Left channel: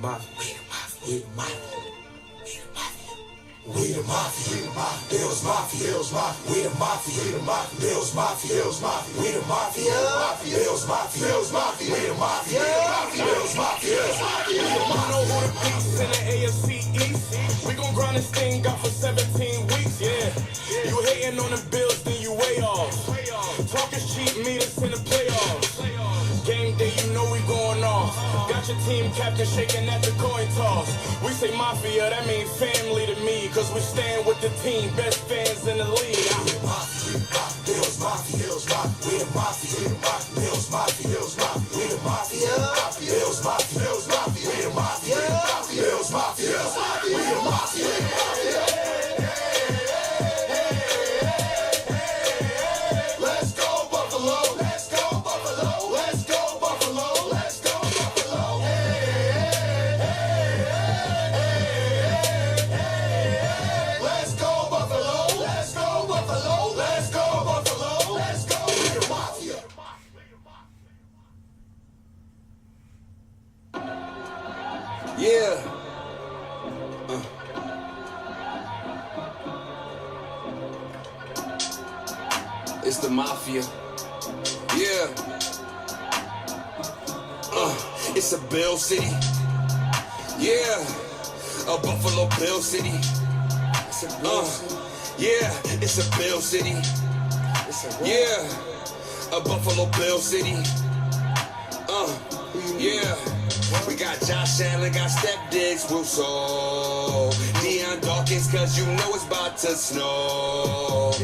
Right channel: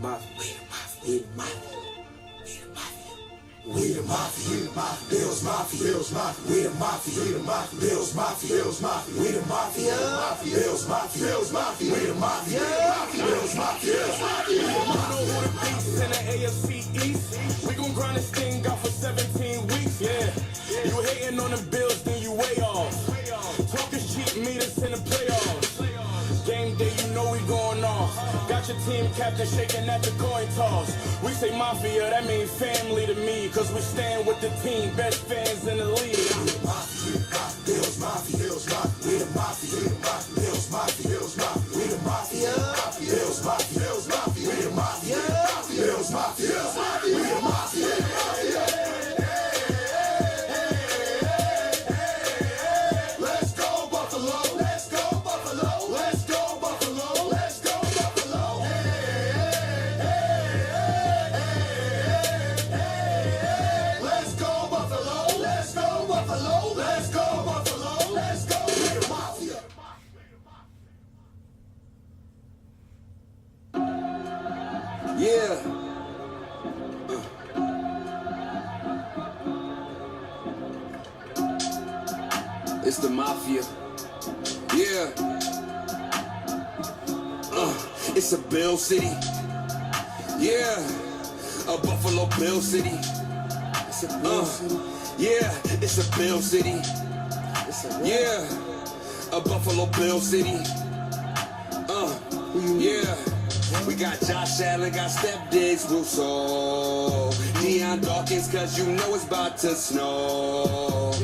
mafia. We the mafia. We the mafia. Bills mafia. Bills mafia. We the mafia. We the mafia. Bills mafia. Bills mafia. We the mafia. Bills mafia. Bills mafia. We the mafia. Bills mafia. You know who the beast in the AFC East. We gon' grind this thing out for 17 weeks. Yeah. You hating on the Bills, then you way off. Talking cheap, meet us in the playoffs. Game day, you know we going off. Got your team captain shaking at the coin toss. We say mafia, that means family to me. Cause we stand with the team, best fans in the league. Bills mafia. Bills mafia. We the mafia. We the mafia. Bills mafia. Bills mafia. We the mafia. Bills mafia. Bills mafia. We the mafia. Bills mafia. Bills mafia. We the mafia. Let's go Buffalo. Let's go Buffalo. Let's go Buffalo. Let's go Buffalo. Let's go Buffalo. Let's go Buffalo. Let's go Buffalo. Let's go. We the mafia. Yeah. It's the mafia. Yeah. It's a Bill City. Yeah. A Buffalo Bill City. It's a Bill City. Yeah. It's a Bill City. Yeah. A Buffalo Bill City. Yeah. We got Josh Allen, got Steph Diggs, Russo, Deion Dawkins, cause you know it's about to snow.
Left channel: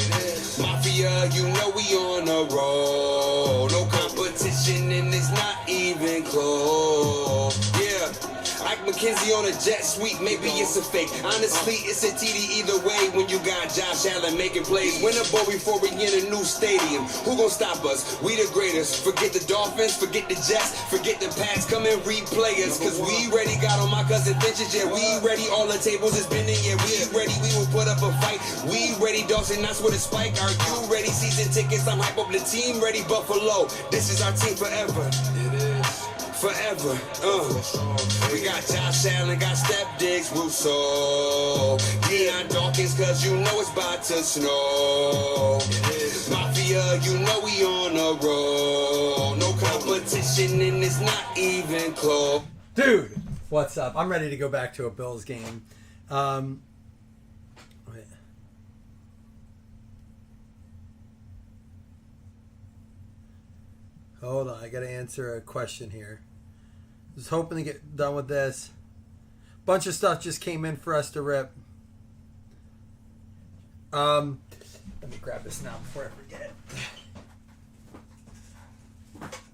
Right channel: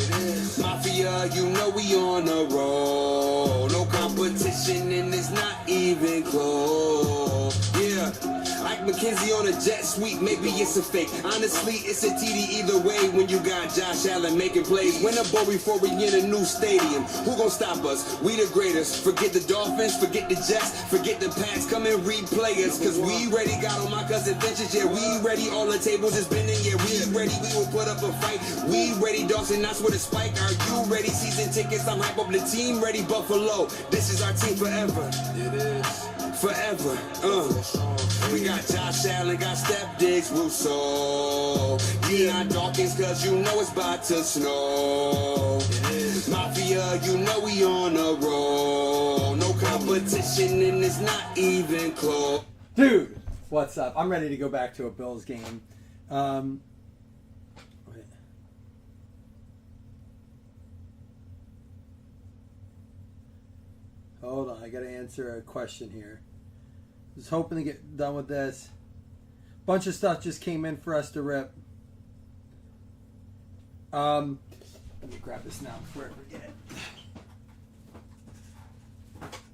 Mafia, you know we on a roll. No competition and it's not even close. Yeah. Ike McKenzie on a jet sweep, maybe it's a fake. Honestly, it's a TD either way when you got Josh Allen making plays. Win a bowl before we in a new stadium. Who gon' stop us? We the greatest. Forget the Dolphins, forget the Jets, forget the Pats. Come and replay us, cause we ready. Got on my cousin Vintage, yeah, we ready. All the tables is bending, yeah, we ready. We will put up a fight. We ready, Dawson, that's with a spike. Are you ready? Season tickets, I'm hype up the team. Ready, Buffalo. This is our team forever. It is. Forever, We got Josh Allen, got Steph Diggs, Russo, Deion Dawkins, cause you know it's about to snow. Mafia, you know we on a roll. No competition and it's not even close. Dude, what's up? I'm ready to go back to a Bills game. Hold on, I gotta answer a question here. Was hoping to get done with this. Bunch of stuff just came in for us to rip. Let me grab this now before I forget.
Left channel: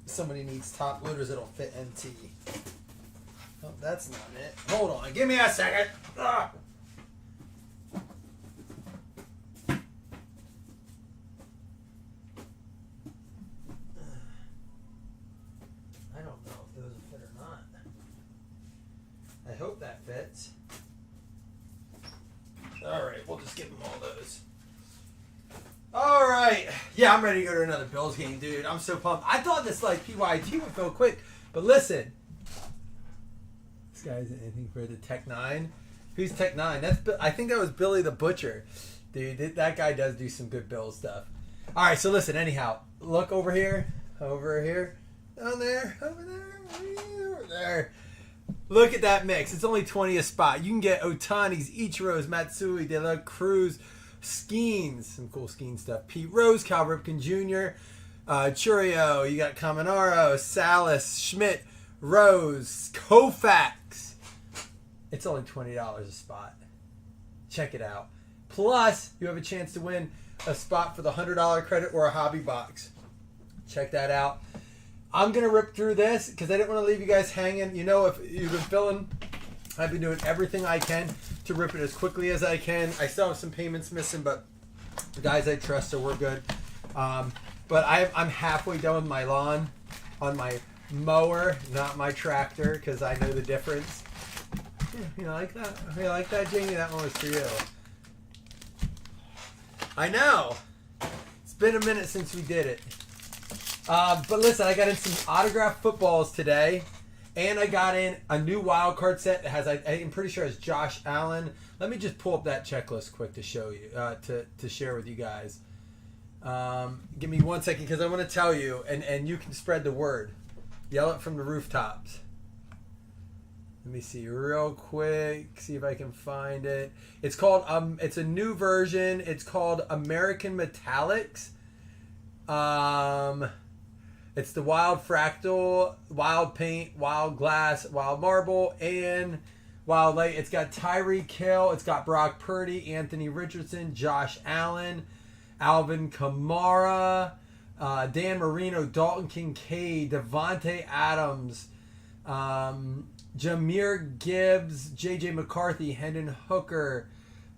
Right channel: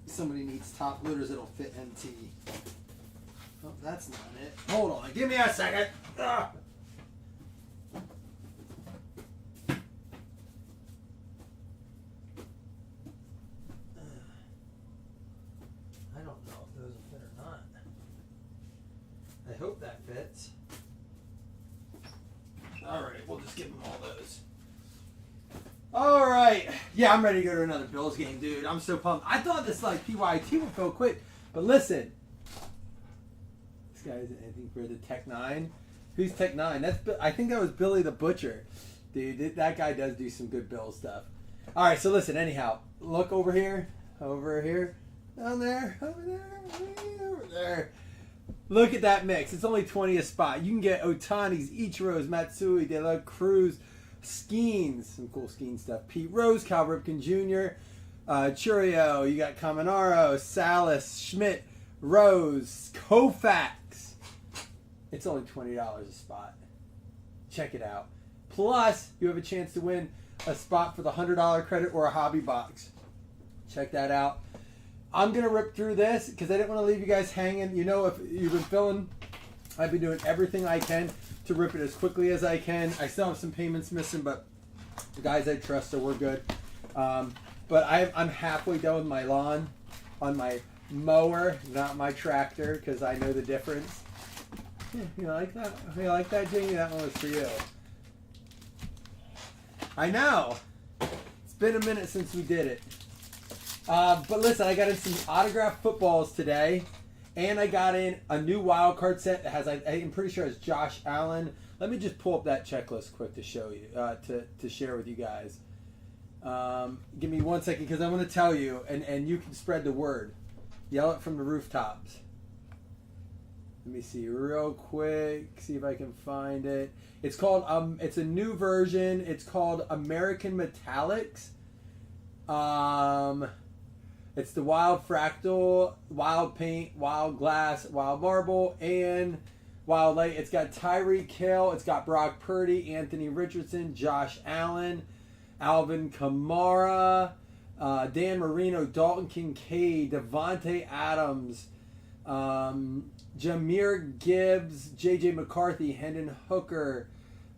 Somebody needs top loaders that'll fit NT. Oh, that's not it. Hold on, give me a second. Ugh. I hope that fits. Alright, we'll just give them all those. Alright. Yeah, I'm ready to go to another Bills game, dude. I'm so pumped. I thought this like PYT would feel quick, but listen. This guy's anything for the Tech 9. Who's Tech 9? I think that was Billy the Butcher. Dude, that guy does do some good Bills stuff. Alright, so listen, anyhow. Look over here. Over here. Down there. Over there. Over there. Look at that mix. It's only 20 a spot. You can get Ohtani's, Ichiro's, Matsui, De La Cruz, Skeens, some cool Skeen stuff. Pete Rose, Cal Ripken Jr., Churio. You got Caminaro, Salas, Schmidt, Rose, Koufax. It's only $20 a spot. Check it out. Plus, you have a chance to win a spot for the $100 credit or a hobby box. Check that out. I'm going to rip through this because I didn't want to leave you guys hanging. You know, if you've been filling, I've been doing everything I can to rip it as quickly as I can. I still have some payments missing, but the guys I trust, so we're good. But I'm halfway done with my lawn on my mower, not my tractor, because I know the difference. Yeah, you like that? You like that, Jamie? That one was for you. I know. It's been a minute since we did it. But listen, I got in some autographed footballs today. And I got in a new wild card set that has, I'm pretty sure it's Josh Allen. Let me just pull up that checklist quick to show you, to share with you guys. Give me 1 second because I'm going to tell you, and you can spread the word. Yell it from the rooftops. Let me see real quick, see if I can find it. It's called, it's a new version. It's called American Metallics. It's the Wild Fractal, Wild Paint, Wild Glass, Wild Marble, and Wild Light. It's got Tyreek Hill. It's got Brock Purdy, Anthony Richardson, Josh Allen, Alvin Kamara, Dan Marino, Dalton Kincaid, Devontae Adams, Jahmyr Gibbs, J.J. McCarthy, Hendon Hooker,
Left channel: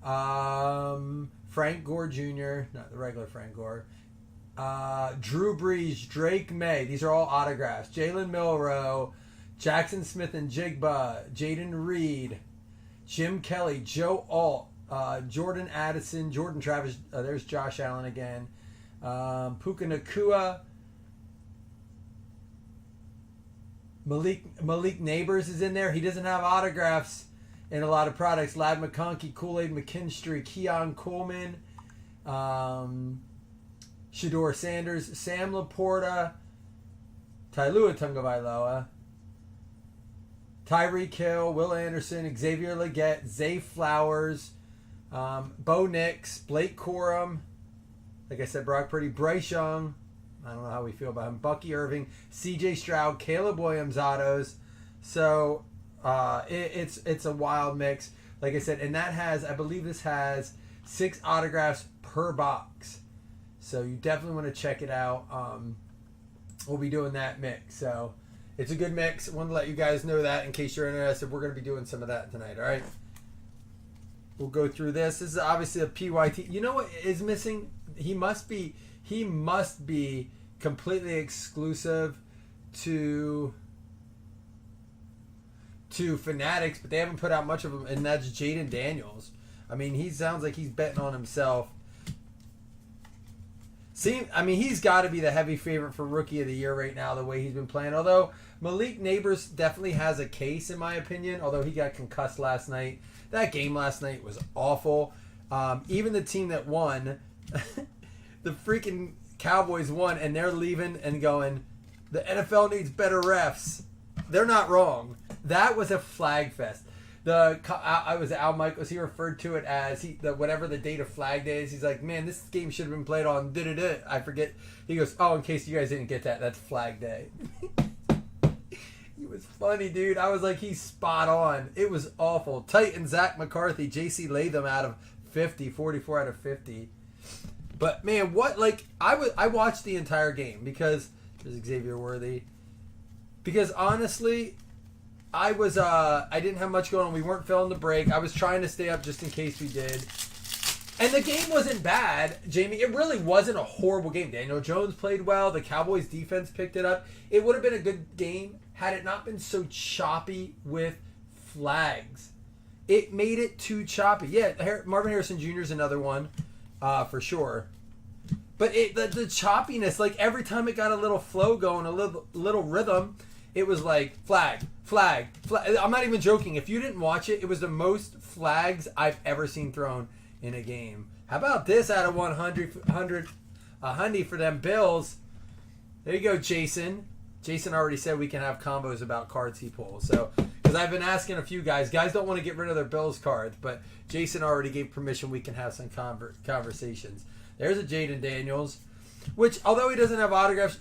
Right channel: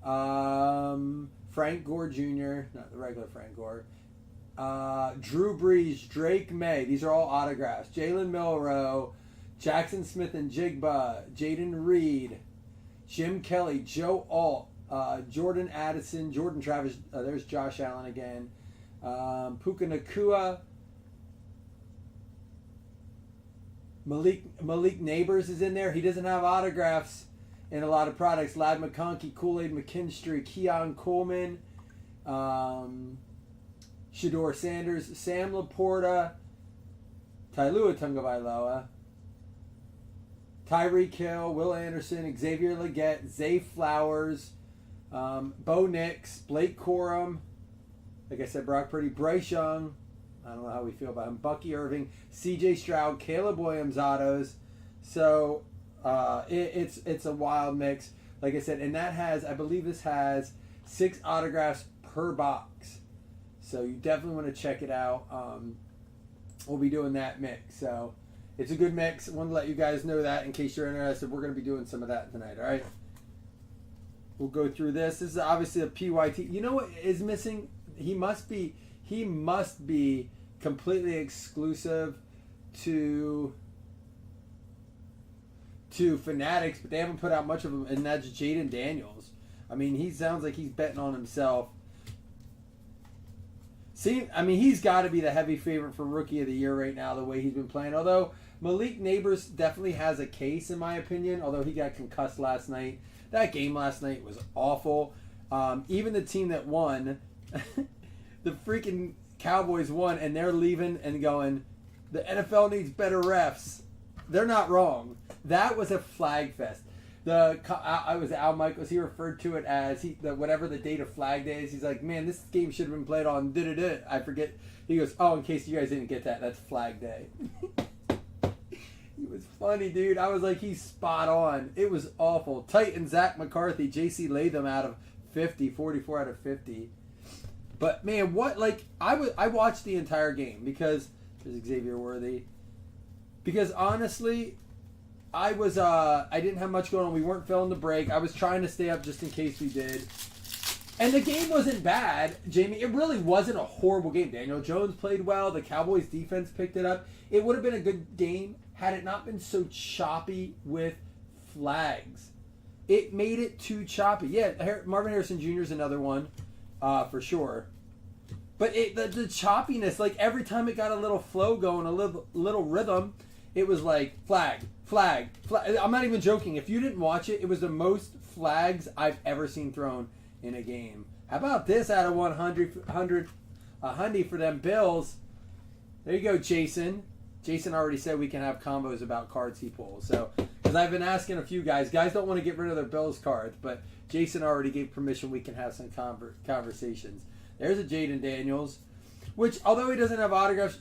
Frank Gore Jr., not the regular Frank Gore, Drew Brees, Drake May. These are all autographs. Jalen Milroe, Jackson Smith and Jigba, Jaden Reed, Jim Kelly, Joe Alt, Jordan Addison, Jordan Travis. There's Josh Allen again. Puka Nakua. Malik Neighbors is in there. He doesn't have autographs in a lot of products. Lad McConkey, Kool-Aid McKinstry, Keon Coleman, Shador Sanders, Sam Laporta, Tailua Tungavailoa, Tyreek Hill, Will Anderson, Xavier Legette, Zay Flowers, Bo Nix, Blake Corum, like I said, Brock Purdy, Bryce Young. I don't know how we feel about him. Bucky Irving, C.J. Stroud, Caleb Williams autos. So it's a wild mix, like I said, and that has, I believe this has 6 autographs per box. So you definitely want to check it out. We'll be doing that mix. So it's a good mix. I want to let you guys know that in case you're interested. We're going to be doing some of that tonight. All right. We'll go through this. This is obviously a PYT. You know what is missing? He must be completely exclusive to Fanatics, but they haven't put out much of them, and that's Jaden Daniels. I mean, he sounds like he's betting on himself. He's got to be the heavy favorite for Rookie of the Year right now, the way he's been playing. Although Malik Neighbors definitely has a case, in my opinion, although he got concussed last night. That game last night was awful. Even the team that won, the freaking Cowboys won, and they're leaving and going, the NFL needs better refs. They're not wrong. That was a flag fest. I was Al Michaels. He referred to it as whatever the date of Flag Day is. He's like, man, this game should have been played on I forget. He goes, oh, in case you guys didn't get that, that's Flag Day. It was funny, dude. I was like, he's spot on. It was awful. Titan Zach McCarthy, J.C. Latham out of 50, 44 out of 50. But man, I watched the entire game because there's Xavier Worthy. Because honestly, I didn't have much going on. We weren't filling the break. I was trying to stay up just in case we did. And the game wasn't bad, Jamie. It really wasn't a horrible game. Daniel Jones played well. The Cowboys defense picked it up. It would have been a good game had it not been so choppy with flags. It made it too choppy. Yeah, Marvin Harrison Jr. is another one, for sure. But the choppiness, like every time it got a little flow going, a little rhythm, it was like flag, flag, flag. I'm not even joking. If you didn't watch it, it was the most flags I've ever seen thrown in a game. How about this out of 100, a hundy for them Bills? There you go, Jason. Jason already said we can have combos about cards he pulls. So, because I've been asking a few guys don't want to get rid of their Bills cards, but Jason already gave permission we can have some conversations. There's a Jaden Daniels, which, although he doesn't have autographs,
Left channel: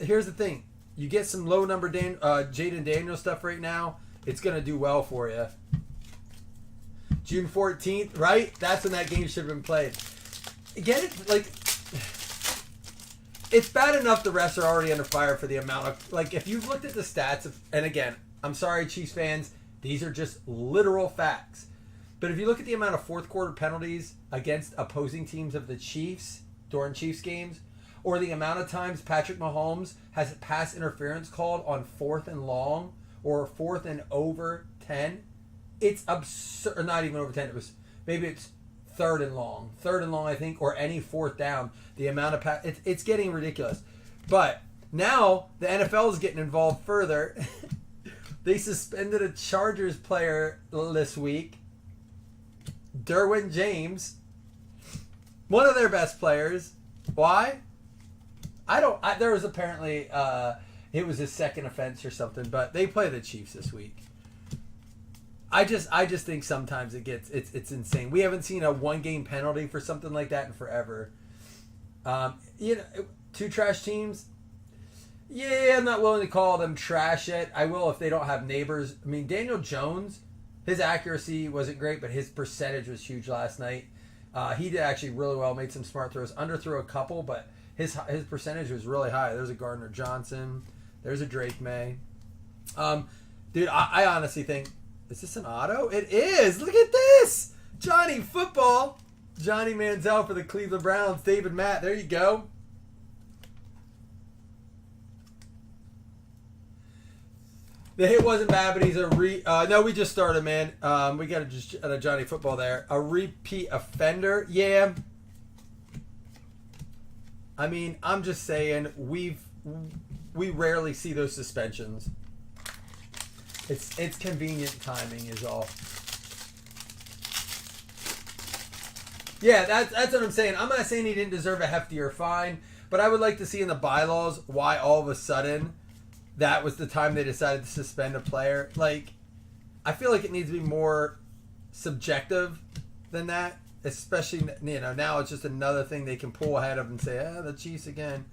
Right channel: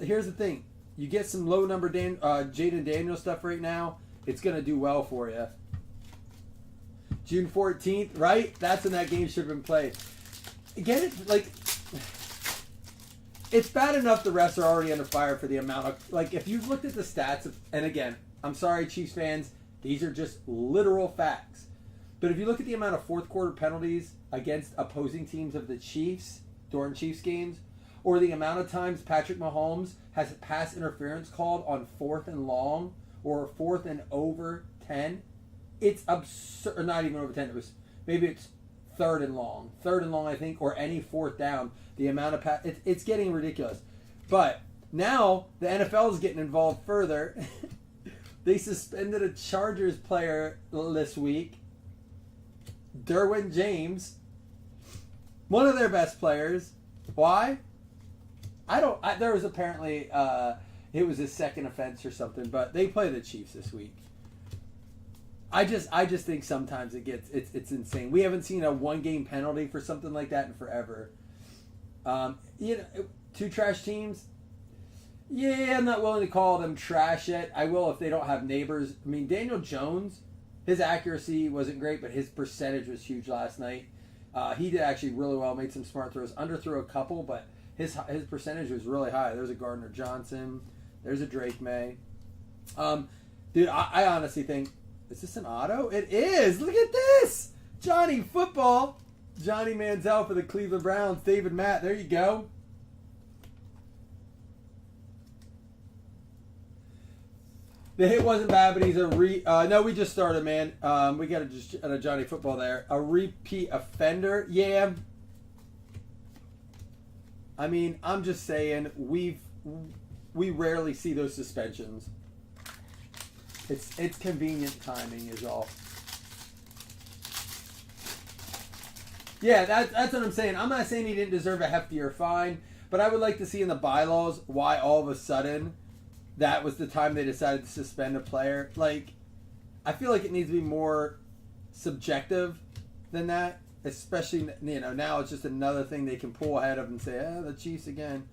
here's the thing. You get some low number Jaden Daniels stuff right now, it's going to do well for you. June 14th, right? That's when that game should have been played. Get it? Like, it's bad enough the refs are already under fire for the amount of, like, if you've looked at the stats, and again, I'm sorry, Chiefs fans, these are just literal facts. But if you look at the amount of fourth quarter penalties against opposing teams of the Chiefs during Chiefs games, or the amount of times Patrick Mahomes has pass interference called on 4th and long or 4th and over 10, it's absurd. Or not even over 10. Maybe it's 3rd and long, I think, or any 4th down. The amount of it's getting ridiculous. But now the NFL is getting involved further They suspended a Chargers player this week, Derwin James, one of their best players. Why? There was apparently it was his second offense or something, but they play the Chiefs this week. I just think sometimes it's insane. We haven't seen a 1-game penalty for something like that in forever. Two trash teams. Yeah, I'm not willing to call them trash yet. I will if they don't have neighbors. I mean, Daniel Jones, his accuracy wasn't great, but his percentage was huge last night. He did actually really well, made some smart throws, underthrew a couple, but his percentage was really high. There's a Gardner Johnson. There's a Drake May. Dude, I honestly think, is this an auto? It is! Look at this! Johnny Football. Johnny Manziel for the Cleveland Browns. David Matt, there you go. The hit wasn't bad, but he's no, we just started, man. We got a Johnny Football there. A repeat offender. Yeah. I mean, I'm just saying, we rarely see those suspensions. It's convenient timing is all. Yeah, that's what I'm saying. I'm not saying he didn't deserve a heftier fine, but I would like to see in the bylaws why all of a sudden that was the time they decided to suspend a player. Like, I feel like it needs to be more subjective than that. Especially, now it's just another thing they can pull ahead of and say, the Chiefs again.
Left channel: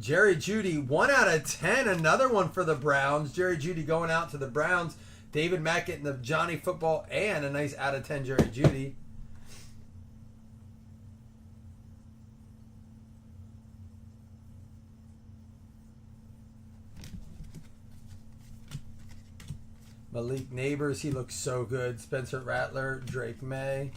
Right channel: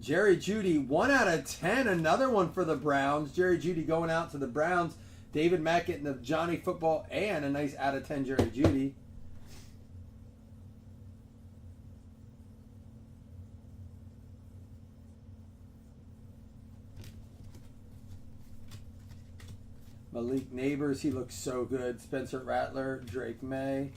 Jerry Jeudy, 1 out of 10. Another one for the Browns. Jerry Jeudy going out to the Browns. David Mack getting the Johnny Football and a nice out of 10 Jerry Jeudy. Malik Neighbors, he looks so good. Spencer Rattler, Drake May.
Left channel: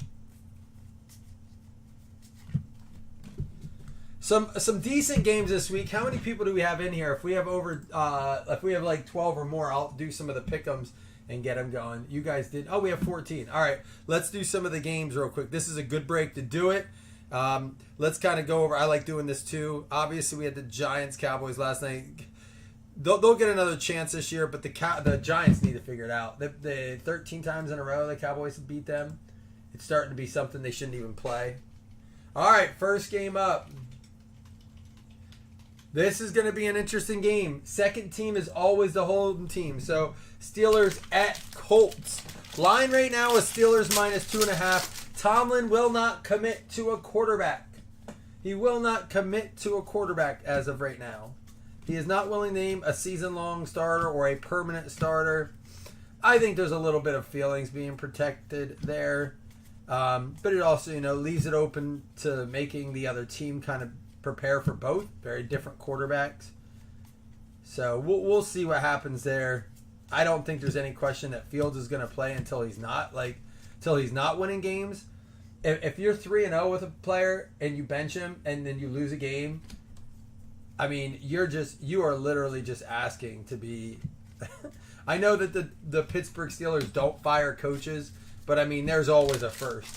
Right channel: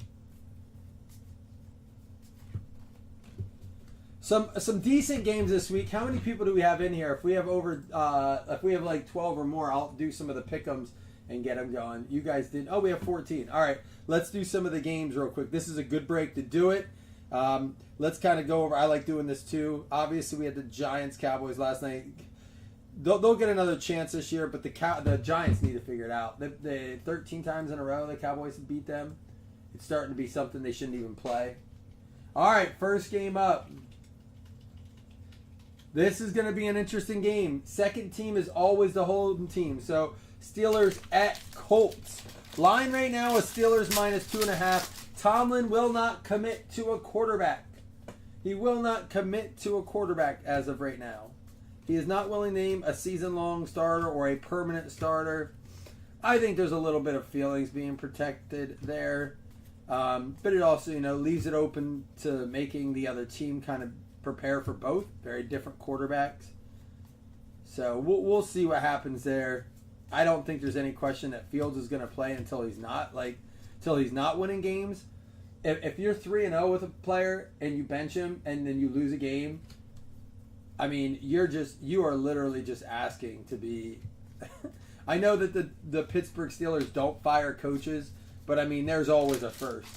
Some decent games this week. How many people do we have in here? If we have if we have like 12 or more, I'll do some of the pick'ems and get them going. You guys did. Oh, we have 14. All right, let's do some of the games real quick. This is a good break to do it. Let's kind of go over. I like doing this too. Obviously, we had the Giants Cowboys last night. They'll get another chance this year, but the Giants need to figure it out. The 13 times in a row the Cowboys have beat them. It's starting to be something they shouldn't even play. All right, first game up. This is going to be an interesting game. Second team is always the home team. So Steelers at Colts. Line right now is Steelers -2.5. Tomlin will not commit to a quarterback. He will not commit to a quarterback as of right now. He is not willing to name a season-long starter or a permanent starter. I think there's a little bit of feelings being protected there. But it also, leaves it open to making the other team kind of prepare for both very different quarterbacks. So we'll see what happens there. I don't think there's any question that Fields is going to play until he's not winning games. If you're 3-0 with a player and you bench him and then you lose a game, I mean, you are literally just asking to be. I know that the Pittsburgh Steelers don't fire coaches, but I mean, there's always a first.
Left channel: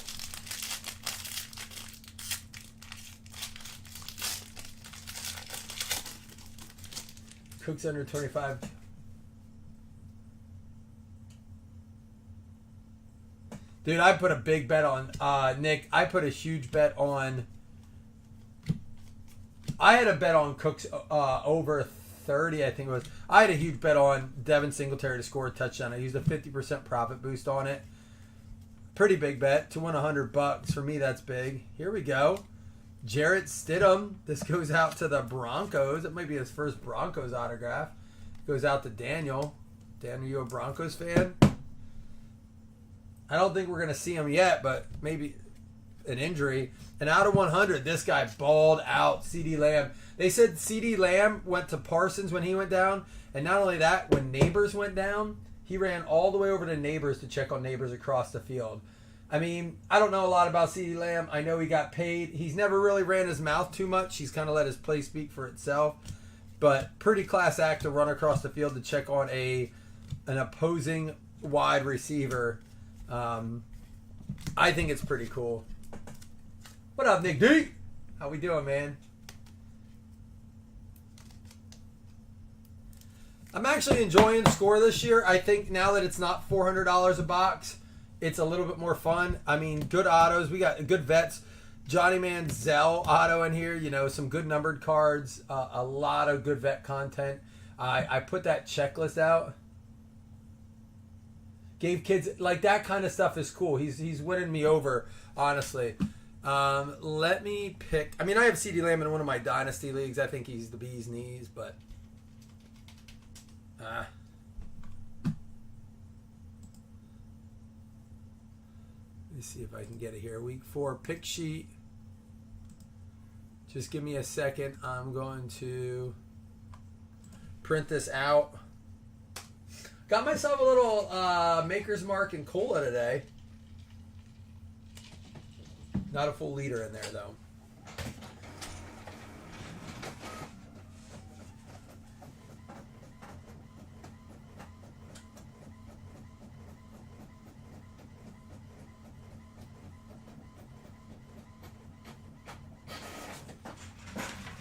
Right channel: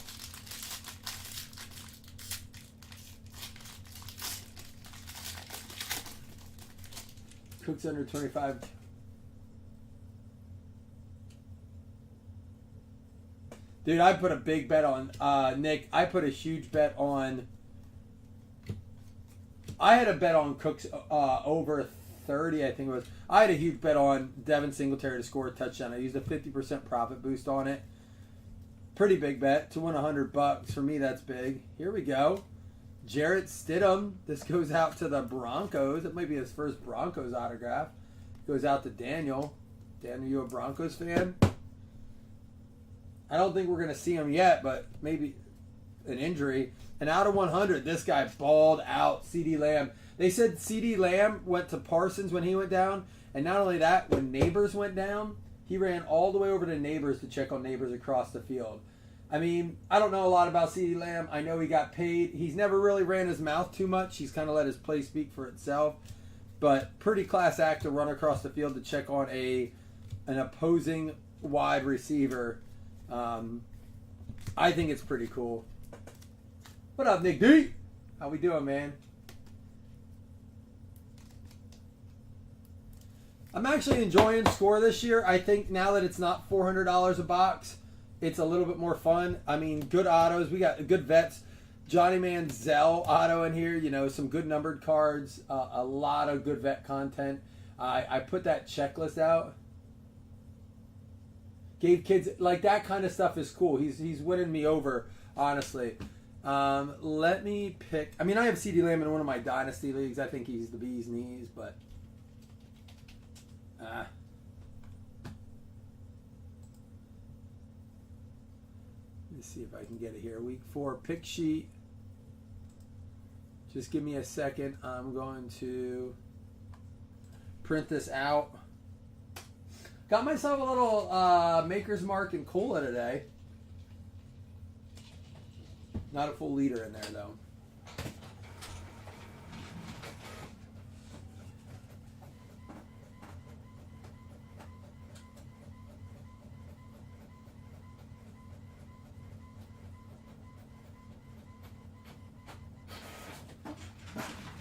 Cook's under 25. Dude, I put a big bet on Nick. I put a huge bet on. I had a bet on Cooks over 30, I think it was. I had a huge bet on Devin Singletary to score a touchdown. I used a 50% profit boost on it. Pretty big bet to win $100. For me, that's big. Here we go. Jarrett Stidham. This goes out to the Broncos. It might be his first Broncos autograph. Goes out to Daniel. Daniel, you a Broncos fan? I don't think we're going to see him yet, but maybe an injury. And out of 100, this guy balled out. CeeDee Lamb. They said CeeDee Lamb went to Parsons when he went down. And not only that, when Neighbors went down, he ran all the way over to Neighbors to check on Neighbors across the field. I mean, I don't know a lot about CeeDee Lamb. I know he got paid. He's never really ran his mouth too much. He's kind of let his play speak for itself. But pretty class act to run across the field to check on an opposing wide receiver. I think it's pretty cool. What up, Nick D? How we doing, man? I'm actually enjoying Score this year. I think now that it's not $400 a box, it's a little bit more fun. I mean, good autos. We got good vets. Johnny Manziel auto in here. You know, some good numbered cards. A lot of good vet content. I put that checklist out. Gave kids like that kind of stuff is cool. He's winning me over, honestly. Let me pick. I mean, I have CeeDee Lamb in one of my dynasty leagues. I think he's the bee's knees, but let me see if I can get it here. Week 4 pick sheet. Just give me a second. I'm going to print this out. Got myself a little Maker's Mark and cola today. Not a full liter in there, though.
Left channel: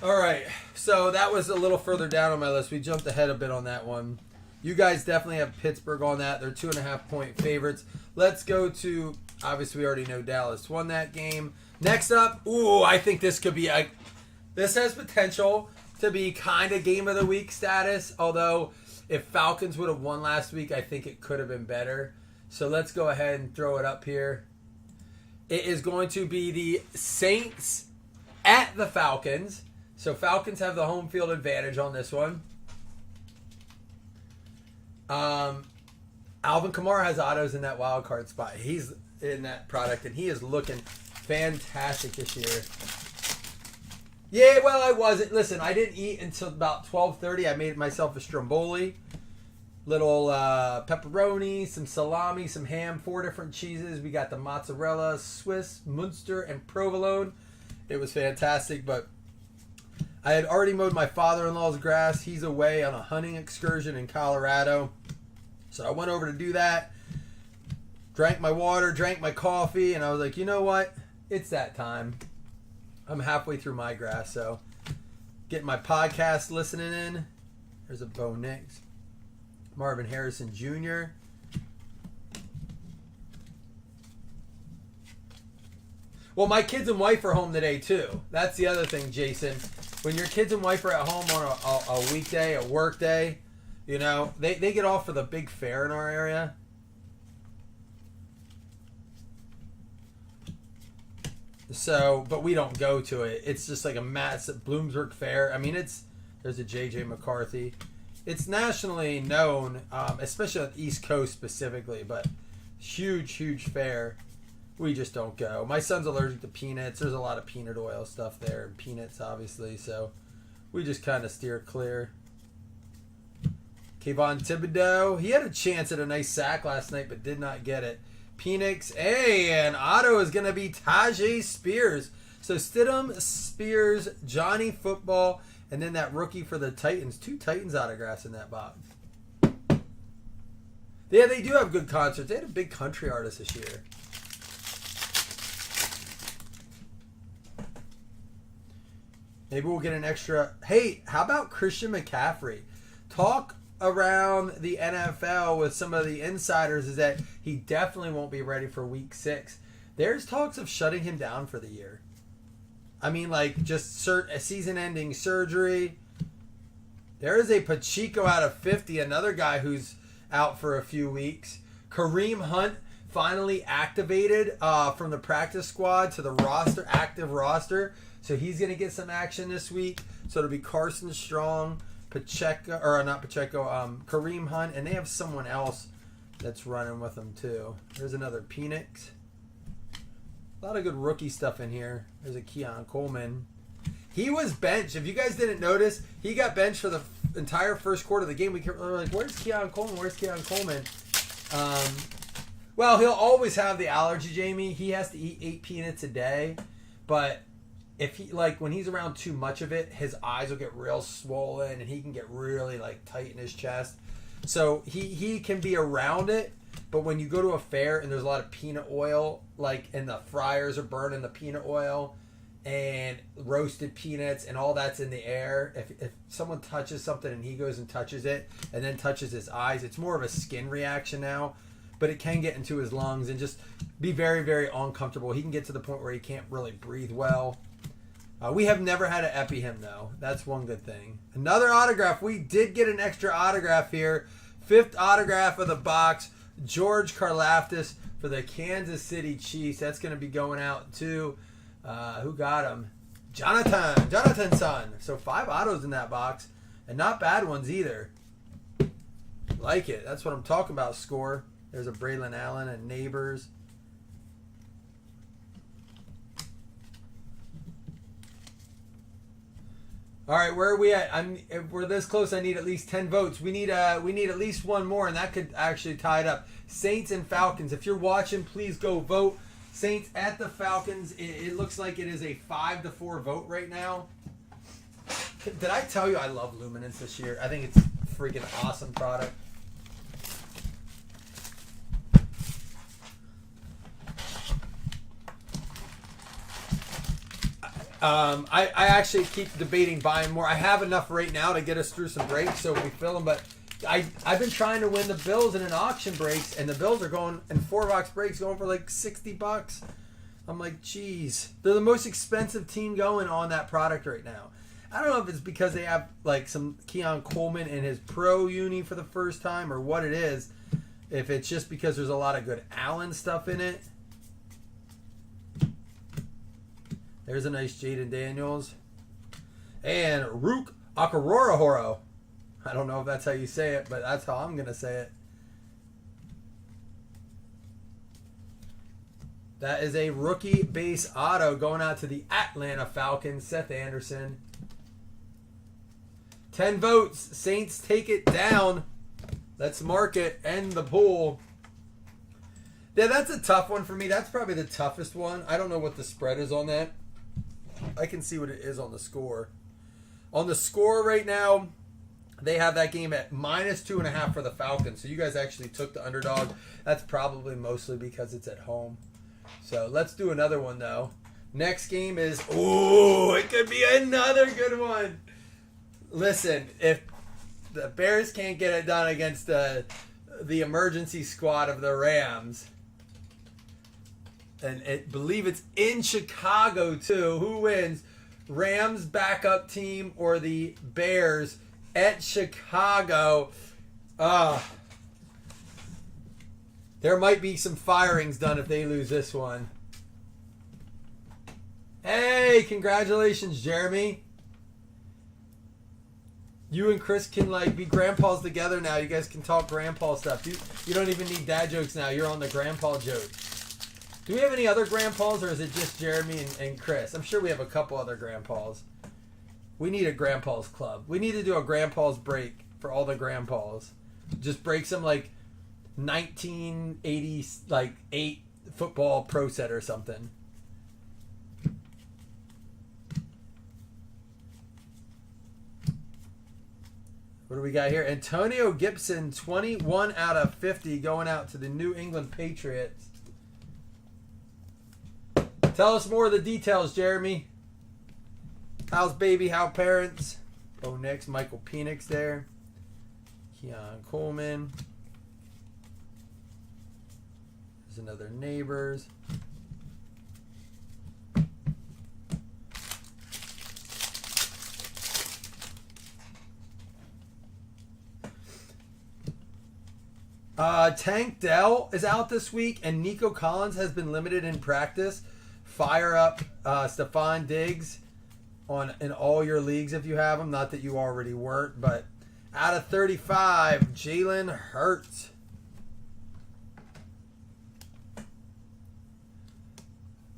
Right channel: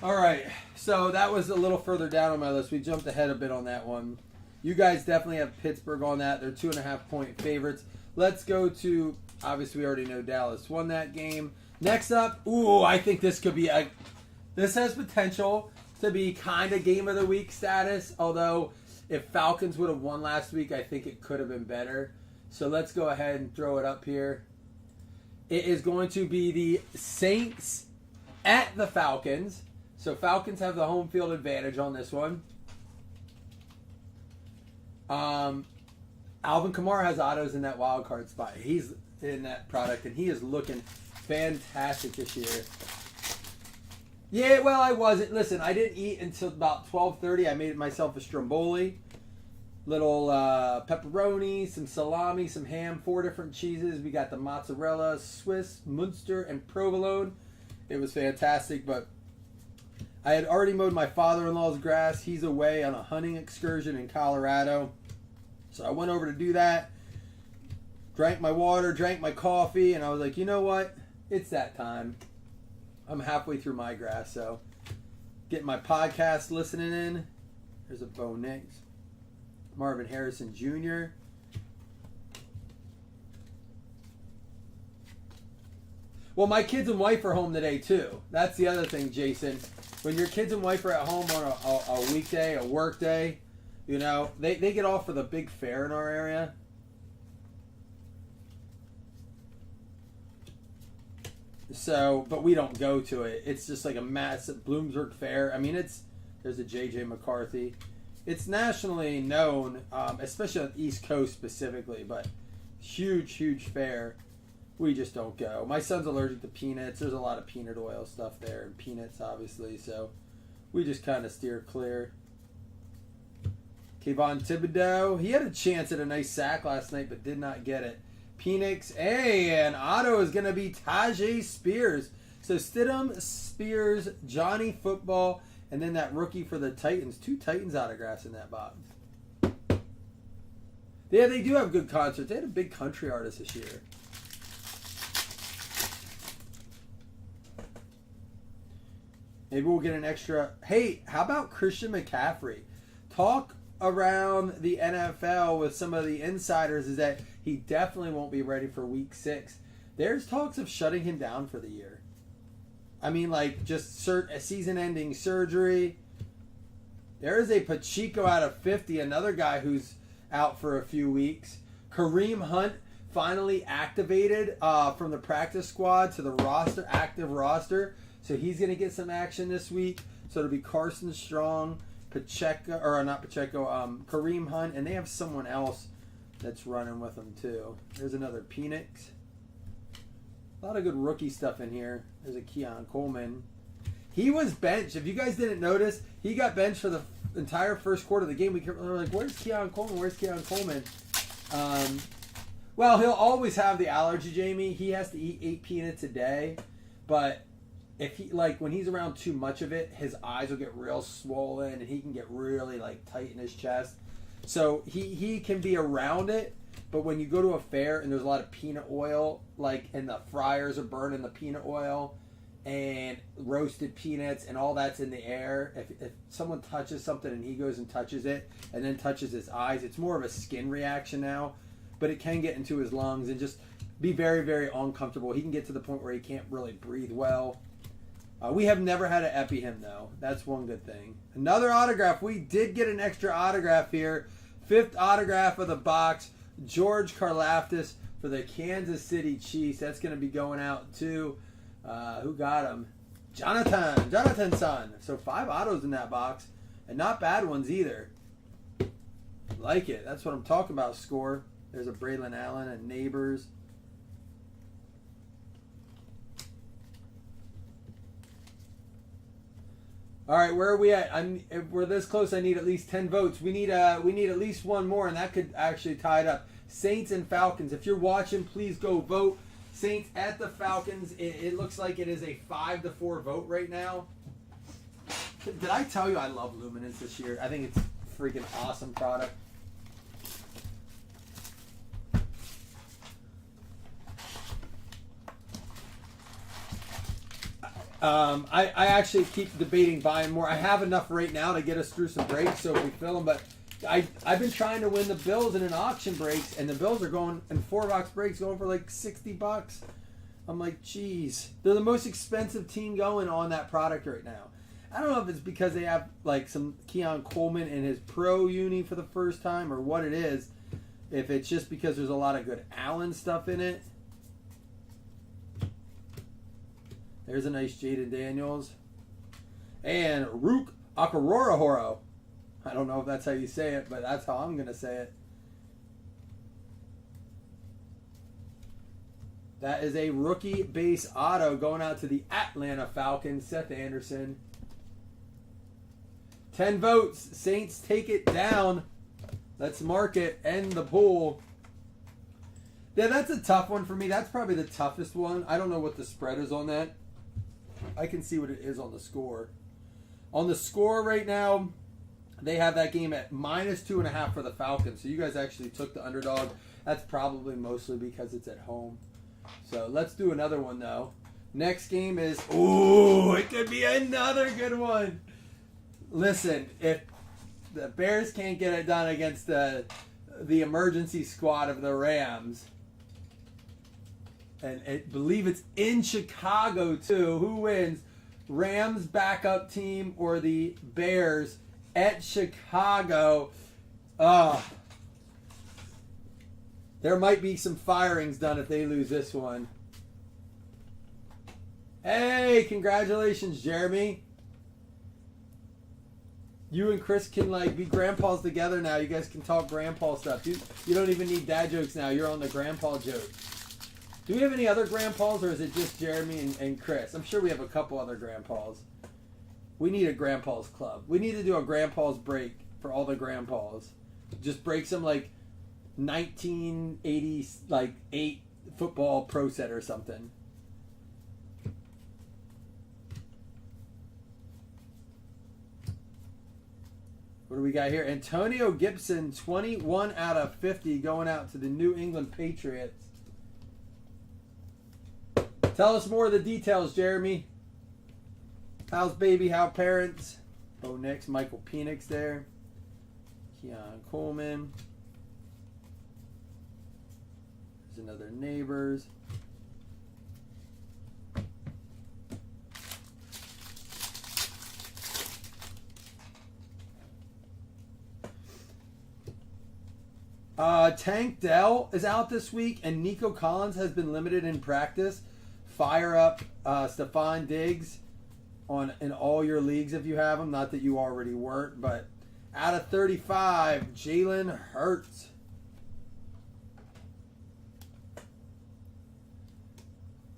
All right, so that was a little further down on my list. We jumped ahead a bit on that one. You guys definitely have Pittsburgh on that. They're 2.5-point favorites. Let's go to, obviously we already know Dallas won that game. Next up, I think this could be this has potential to be kind of game of the week status. Although if Falcons would have won last week, I think it could have been better. So let's go ahead and throw it up here. It is going to be the Saints at the Falcons. So Falcons have the home field advantage on this one. Alvin Kamara has autos in that wild card spot. He's in that product, and he is looking fantastic this year. Yeah, well, I wasn't. Listen, I didn't eat until about 12:30. I made myself a stromboli. Little pepperoni, some salami, some ham, 4 different cheeses. We got the mozzarella, Swiss, Munster, and provolone. It was fantastic, but I had already mowed my father-in-law's grass. He's away on a hunting excursion in Colorado. So I went over to do that. Drank my water, drank my coffee, and I was like, you know what? It's that time. I'm halfway through my grass, so getting my podcast listening in. There's a Bo Nix. Marvin Harrison Jr. Well, my kids and wife are home today, too. That's the other thing, Jason. When your kids and wife are at home on a weekday, a work day, you know, they get off for the big fair in our area. So, but we don't go to it. It's just like a massive Bloomsburg fair. I mean, there's a J.J. McCarthy. It's nationally known, especially on the East Coast specifically, but huge, huge fair. We just don't go. My son's allergic to peanuts. There's a lot of peanut oil stuff there. Peanuts, obviously. So we just kind of steer clear. Kayvon Thibodeau. He had a chance at a nice sack last night, but did not get it. Penix. Hey, and auto is going to be Tajay Spears. So Stidham, Spears, Johnny Football, and then that rookie for the Titans. 2 Titans autographs in that box. Yeah, they do have good concerts. They had a big country artist this year. Maybe we'll get an extra. Hey, how about Christian McCaffrey? Talk around the NFL with some of the insiders is that he definitely won't be ready for week 6. There's talks of shutting him down for the year. I mean, like, just a season-ending surgery. There is a Pacheco out of 50, another guy who's out for a few weeks. Kareem Hunt finally activated from the practice squad to the roster, active roster. So he's going to get some action this week. So it'll be Carson Strong, Pacheco, or not Pacheco, Kareem Hunt, and they have someone else that's running with them too. There's another Penix. A lot of good rookie stuff in here. There's a Keon Coleman. He was benched. If you guys didn't notice, he got benched for the entire first quarter of the game. We were like, where's Keon Coleman? Where's Keon Coleman? Well, he'll always have the allergy, Jamie. He has to eat 8 peanuts a day, but if he, like, when he's around too much of it, his eyes will get real swollen and he can get really, like, tight in his chest. So he can be around it, but when you go to a fair and there's a lot of peanut oil, like, and the fryers are burning the peanut oil, and roasted peanuts and all that's in the air. If someone touches something and he goes and touches it and then touches his eyes, it's more of a skin reaction now, but it can get into his lungs and just be very, very uncomfortable. He can get to the point where he can't really breathe well. We have never had to epi him, though. That's one good thing. Another autograph. We did get an extra autograph here. 5th autograph of the box. George Karlaftis for the Kansas City Chiefs. That's going to be going out to, who got him? Jonathan Son. So 5 autos in that box. And not bad ones either. Like it. That's what I'm talking about, score. There's a Braylon Allen and Neighbors. All right, where are we at? If we're this close, I need at least 10 votes. We need at least one more, and that could actually tie it up. Saints and Falcons. If you're watching, please go vote. Saints at the Falcons. It looks like it is a 5-4 vote right now. Did I tell you I love Luminance this year? I think it's a freaking awesome product. I actually keep debating buying more. I have enough right now to get us through some breaks, so we fill them. But I've been trying to win the Bills in an auction breaks, and the Bills are going in 4-box breaks going for like $60. I'm like, geez, they're the most expensive team going on that product right now. I don't know if it's because they have like some Keon Coleman in his pro uni for the first time or what it is. If it's just because there's a lot of good Allen stuff in it. There's a nice Jaden Daniels. And Rook Akarorahoro. I don't know if that's how you say it, but that's how I'm going to say it. That is a rookie base auto going out to the Atlanta Falcons, Seth Anderson. 10 votes. Saints take it down. Let's mark it. End the pool. Yeah, that's a tough one for me. That's probably the toughest one. I don't know what the spread is on that. I can see what it is on the score. On the score right now, they have that game at -2.5 for the Falcons. So you guys actually took the underdog. That's probably mostly because it's at home. So let's do another one, though. Next game is... Ooh, it could be another good one. Listen, if the Bears can't get it done against the emergency squad of the Rams... And I believe it's in Chicago, too. Who wins? Rams backup team or the Bears at Chicago? There might be some firings done if they lose this one. Hey, congratulations, Jeremy. You and Chris can be grandpas together now. You guys can talk grandpa stuff. You don't even need dad jokes now. You're on the grandpa joke. Do we have any other grandpas, or is it just Jeremy and Chris? I'm sure we have a couple other grandpas. We need a grandpas club. We need to do a grandpas break for all the grandpas. Just break some 1988 football pro set or something. What do we got here? Antonio Gibson, 21 out of 50, going out to the New England Patriots. Tell us more of the details, Jeremy. How's baby? How parents? Oh, next, Michael Penix there. Keon Coleman. There's another Neighbors. Tank Dell is out this week, and Nico Collins has been limited in practice. Fire up Stephon Diggs in all your leagues if you have him. Not that you already weren't, but out of 35, Jalen Hurts.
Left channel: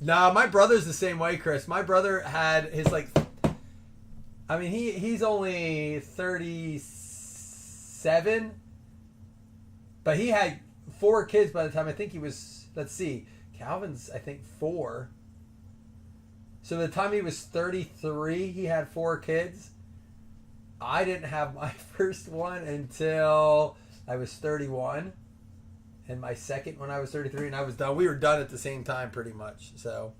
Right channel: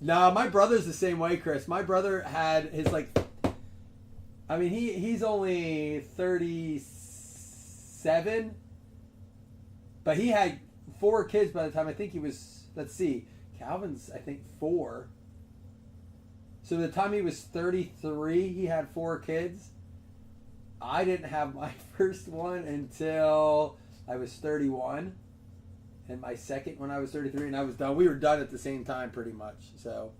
No, my brother's the same way, Chris. My brother had his he's only 37, but he had 4 kids by the time I think he was, let's see, Calvin's I think 4. So the time he was 33, he had 4 kids. I didn't have my first one until I was 31. And my second when I was 33, and I was done. We were done at the same time pretty much. So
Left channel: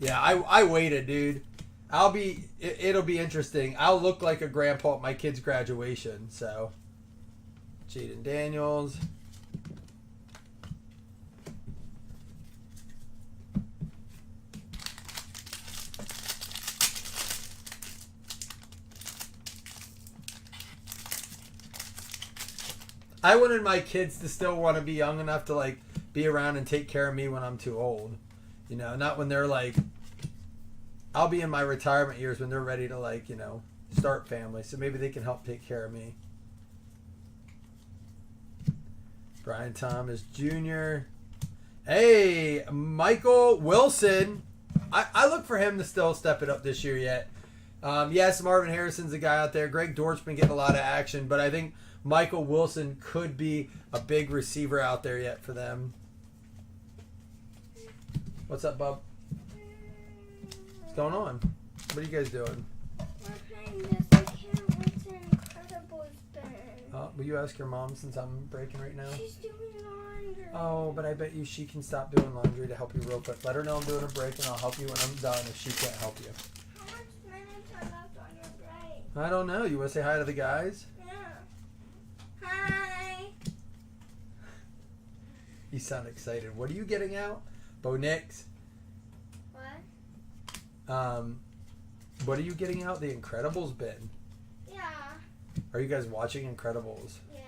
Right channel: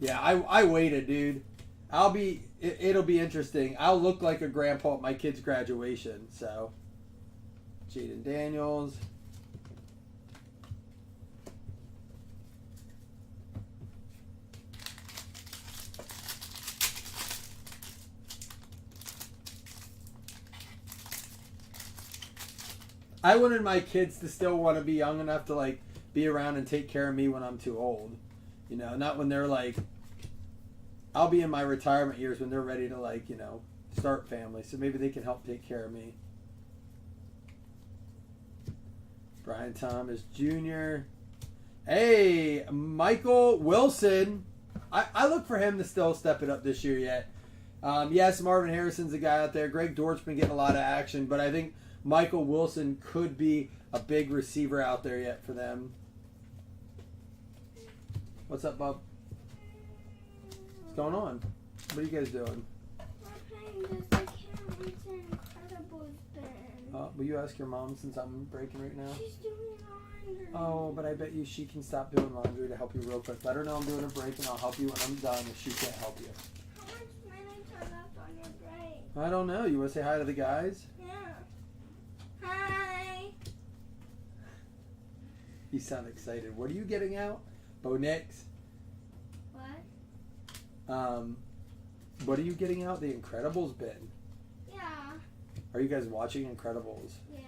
Yeah, I waited, dude. It'll be interesting. I'll look like a grandpa at my kid's graduation. So, Jaden Daniels. I wanted my kids to still want to be young enough to like be around and take care of me when I'm too old. You know, not when they're like, I'll be in my retirement years when they're ready to like, you know, start family. So maybe they can help take care of me. Brian Thomas Jr. Hey, Michael Wilson. I look for him to still step it up this year yet. Yes, Marvin Harrison's a guy out there. Greg Dortch's been getting a lot of action, but I think Michael Wilson could be a big receiver out there yet for them. What's up, bub? What's going on? What are you guys doing? We're playing this. I can't wait to Incredibles thing. Will you ask your mom since I'm breaking right now? She's doing laundry. Oh, but I bet you she can stop doing laundry to help you real quick. Let her know I'm doing a break and I'll help you when I'm done if she can't help you. How much minutes are left on your break? I don't know. You want to say hi to the guys? Yeah. Hi. You sound excited. What are you getting out? Bo Nix? What? What are you getting out? The Incredibles bin. Yeah. Are you guys watching Incredibles? Yeah.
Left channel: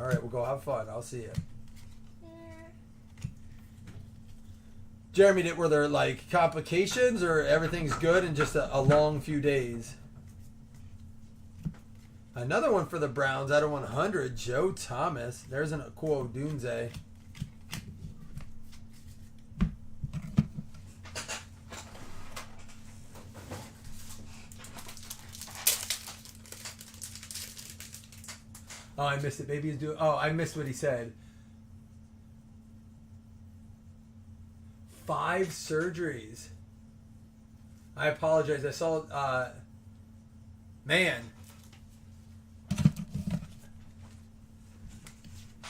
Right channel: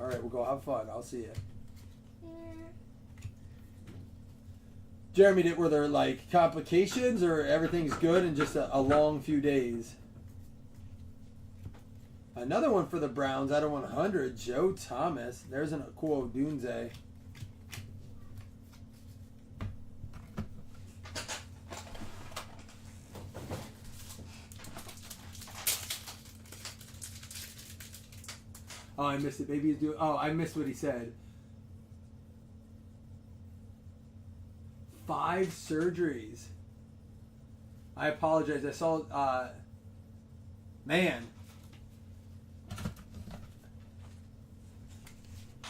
All right, we'll go have fun. I'll see you. Yeah. Jeremy, were there like complications or everything's good in just a long few days? Another one for the Browns out of 100, Joe Thomas. There's a cool Dunze. Oh, I missed it. Baby is doing. Oh, I missed what he said. 5 surgeries. I apologize. I saw. Man.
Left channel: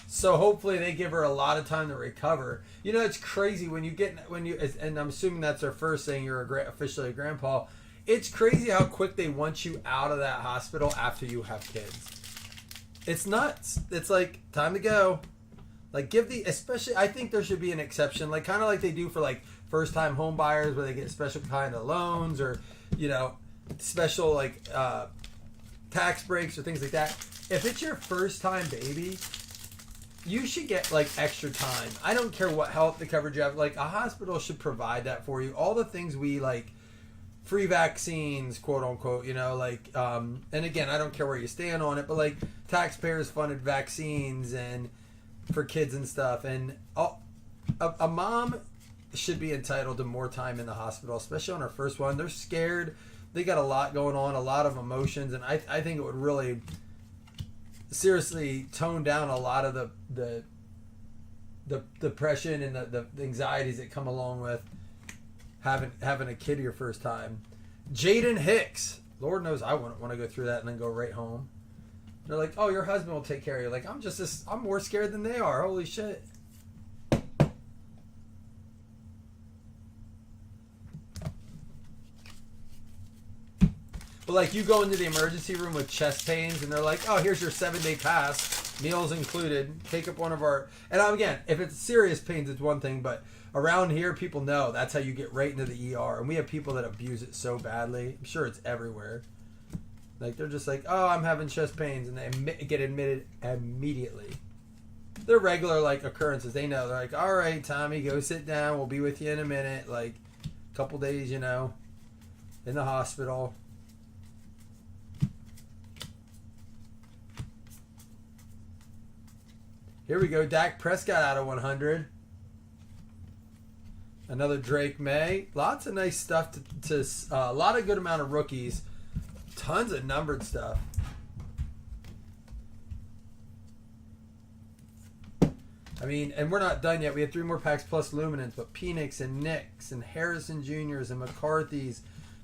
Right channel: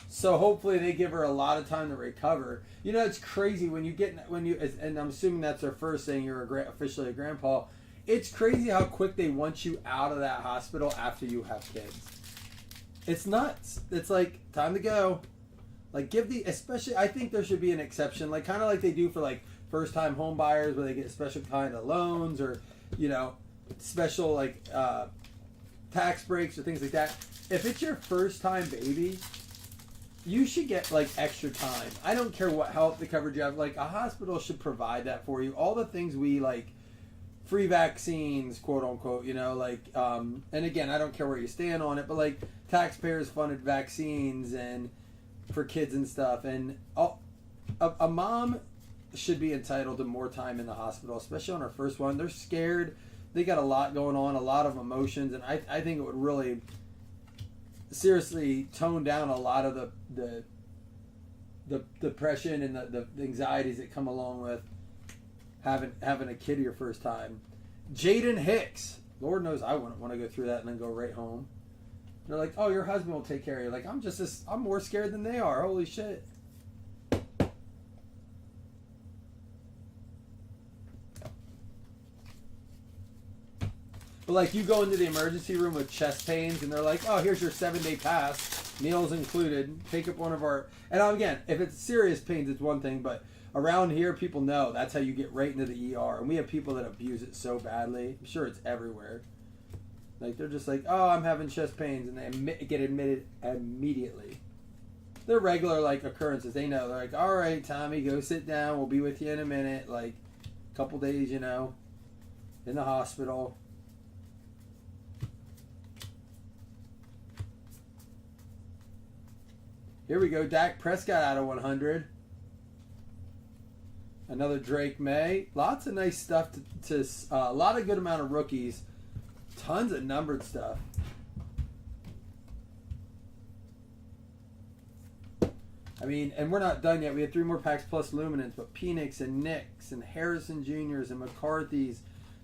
So hopefully they give her a lot of time to recover. You know, it's crazy when you and I'm assuming that's their first saying you're officially a grandpa. It's crazy how quick they want you out of that hospital after you have kids. It's nuts. It's like time to go. Like especially I think there should be an exception, like kind of like they do for like first time home buyers where they get special kind of loans or, you know, special like tax breaks or things like that. If it's your first time baby, you should get like extra time. I don't care what health the coverage you have. Like a hospital should provide that for you. All the things we like, free vaccines, quote unquote, you know, like, and again, I don't care where you stand on it, but like taxpayers funded vaccines and for kids and stuff. And a mom should be entitled to more time in the hospital, especially on her first one. They're scared. They got a lot going on, a lot of emotions. And I think it would really seriously tone down a lot of the depression and the anxieties that come along with having a kid your first time. Jaden Hicks. Lord knows I wouldn't want to go through that and then go right home. They're like, oh, your husband will take care of you. Like, I'm more scared than they are. Holy shit. But like you go into the emergency room with chest pains and they're like, oh, here's your 7-day pass, meals included, take up one of our, and again, if it's serious pains, it's one thing, but around here, people know that's how you get right into the ER. And we have people that abuse it so badly. I'm sure it's everywhere. Like, they're just like, oh, I'm having chest pains. And they get admitted immediately. They're regular, like, occurrences. They know. They're like, all right, Tommy, go sit down. We'll be with you in a minute. Like, a couple days, you know, in the hospital. Here we go. Dak Prescott out of 100. Another Drake May. Lots of nice stuff to a lot of good amount of rookies. Tons of numbered stuff. I mean, and we're not done yet. We had 3 more packs plus Luminance, but Penix and Nix and Harrison Jr.'s and McCarthy's.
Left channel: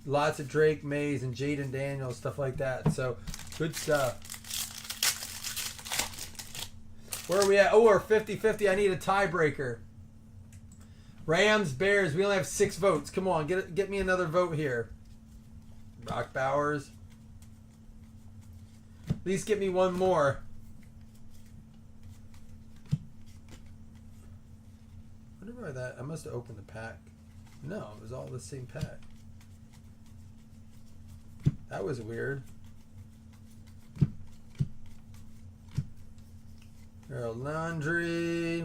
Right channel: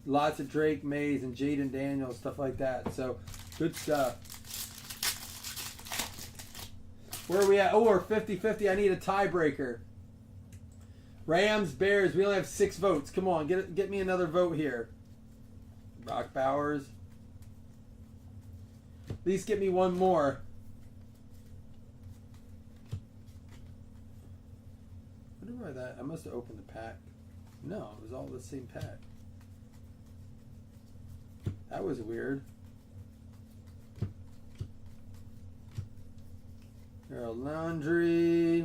Lots of Drake Mays and Jaden Daniels, stuff like that. So, good stuff. Where are we at? Oh, we're 50-50. I need a tiebreaker. Rams, Bears. We only have 6 votes. Come on, get me another vote here. Brock Bowers. At least get me one more. I wonder why that. I must have opened the pack. No, it was all the same pack. That was weird. Harold Landry.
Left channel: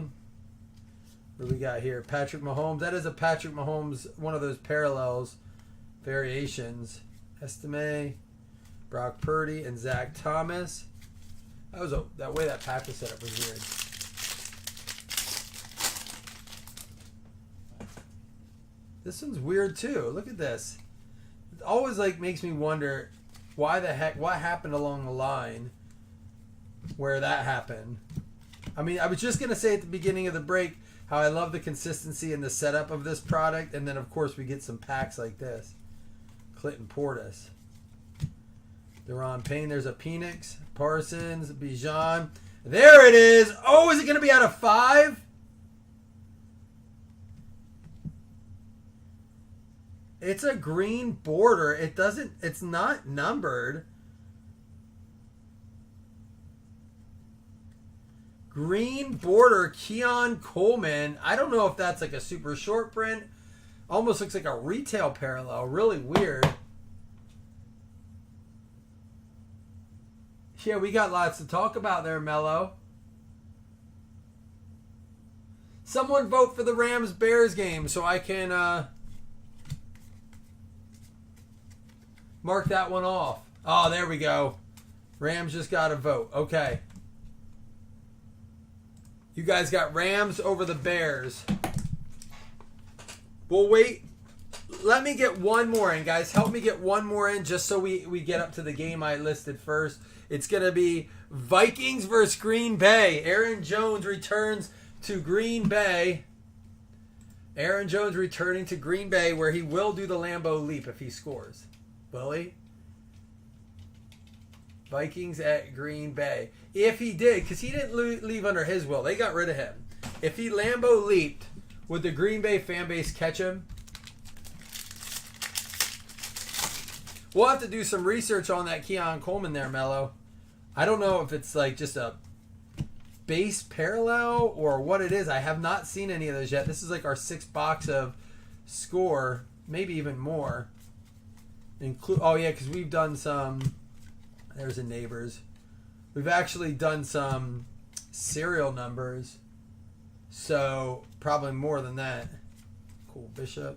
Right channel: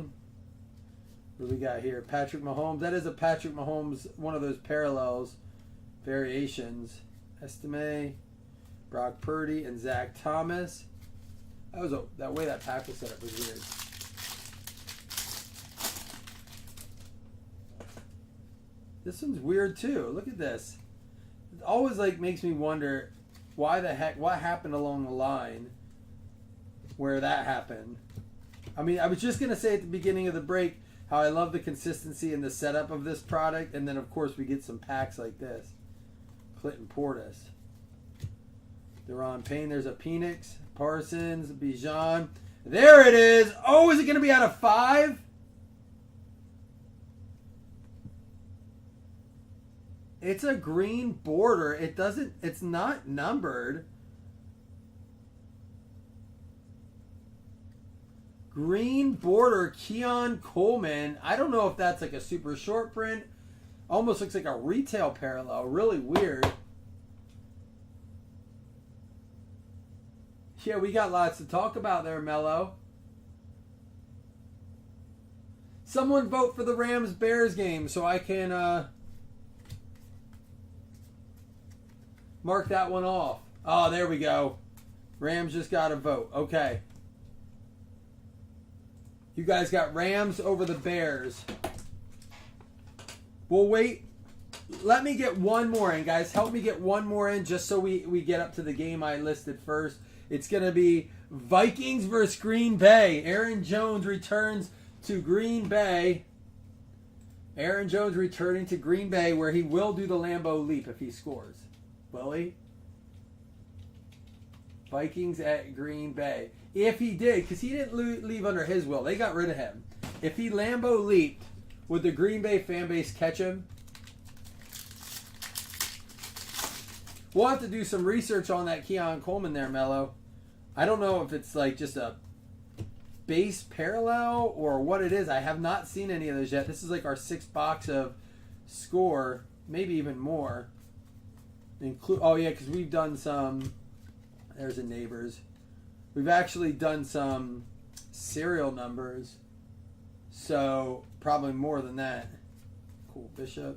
What do we got here? Patrick Mahomes. That is a Patrick Mahomes, one of those parallels, variations. Estime, Brock Purdy, and Zach Thomas. That way that pack was set up was weird. This one's weird too. Look at this. It always like makes me wonder what happened along the line where that happened. I mean, I was just gonna say at the beginning of the break how I love the consistency and the setup of this product, and then of course we get some packs like this. Clinton Portis, Deron Payne. There's a Penix, Parsons, Bijan. There it is. Oh, is it gonna be out of 5? It's a green border. It's not numbered. Green border, Keon Coleman. I don't know if that's like a super short print. Almost looks like a retail parallel. Really weird. Yeah, we got lots to talk about there, Mello. Someone vote for the Rams-Bears game so I can mark that one off. Oh, there we go. Rams just got a vote. Okay. You guys got Rams over the Bears. We'll wait. Let me get one more in, guys. Help me get one more in just so we get up to the game I listed first. It's going to be Vikings versus Green Bay. Aaron Jones returns to Green Bay. Aaron Jones returning to Green Bay where he will do the Lambeau leap if he scores. Will he? Vikings at Green Bay. If he did, because he didn't leave under his will. They got rid of him. If he Lambeau leaped, would the Green Bay fan base catch him? We'll have to do some research on that Keon Coleman there, Mello. I don't know if it's like just a base parallel or what it is. I have not seen any of those yet. This is like our 6th box of score, maybe even more. Oh yeah, because we've done some. There's a Neighbors. We've actually done some serial numbers, so probably more than that. Cool, Bishop.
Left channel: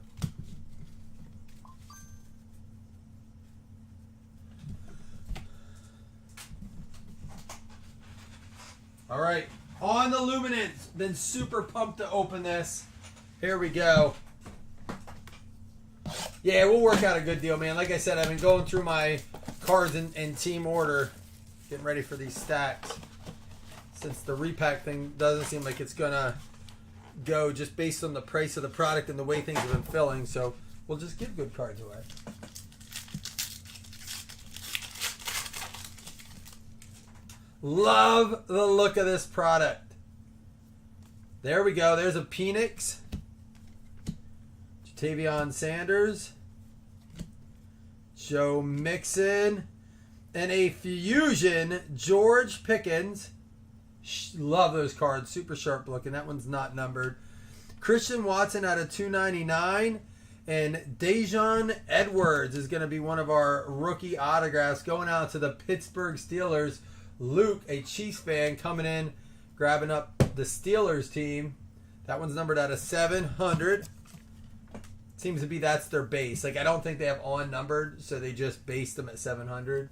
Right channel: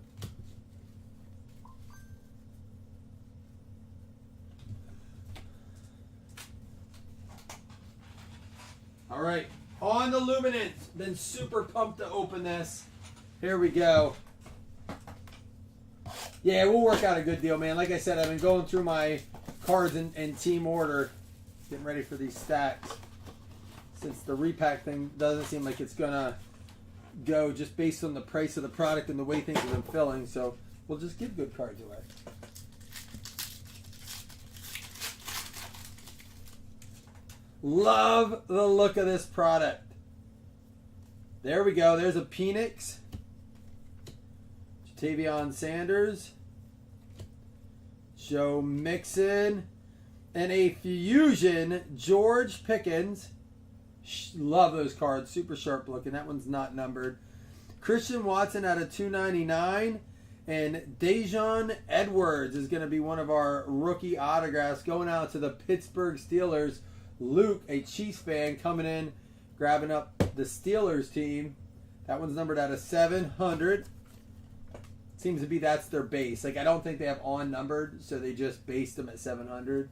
All right, on the Luminance. Been super pumped to open this. Here we go. Yeah, we'll work out a good deal, man. Like I said, I've been going through my cards in team order, getting ready for these stacks. Since the repack thing doesn't seem like it's gonna go just based on the price of the product and the way things have been filling, so we'll just give good cards away. Love the look of this product. There we go. There's a Penix, Jatavion Sanders, Joe Mixon, and a Fusion George Pickens. Love those cards. Super sharp looking. That one's not numbered. Christian Watson out of 299. And Dejon Edwards is going to be one of our rookie autographs going out to the Pittsburgh Steelers. Luke, a Chiefs fan, coming in, grabbing up the Steelers team. That one's numbered out of 700. Seems to be that's their base. Like, I don't think they have on numbered, so they just based them at 700.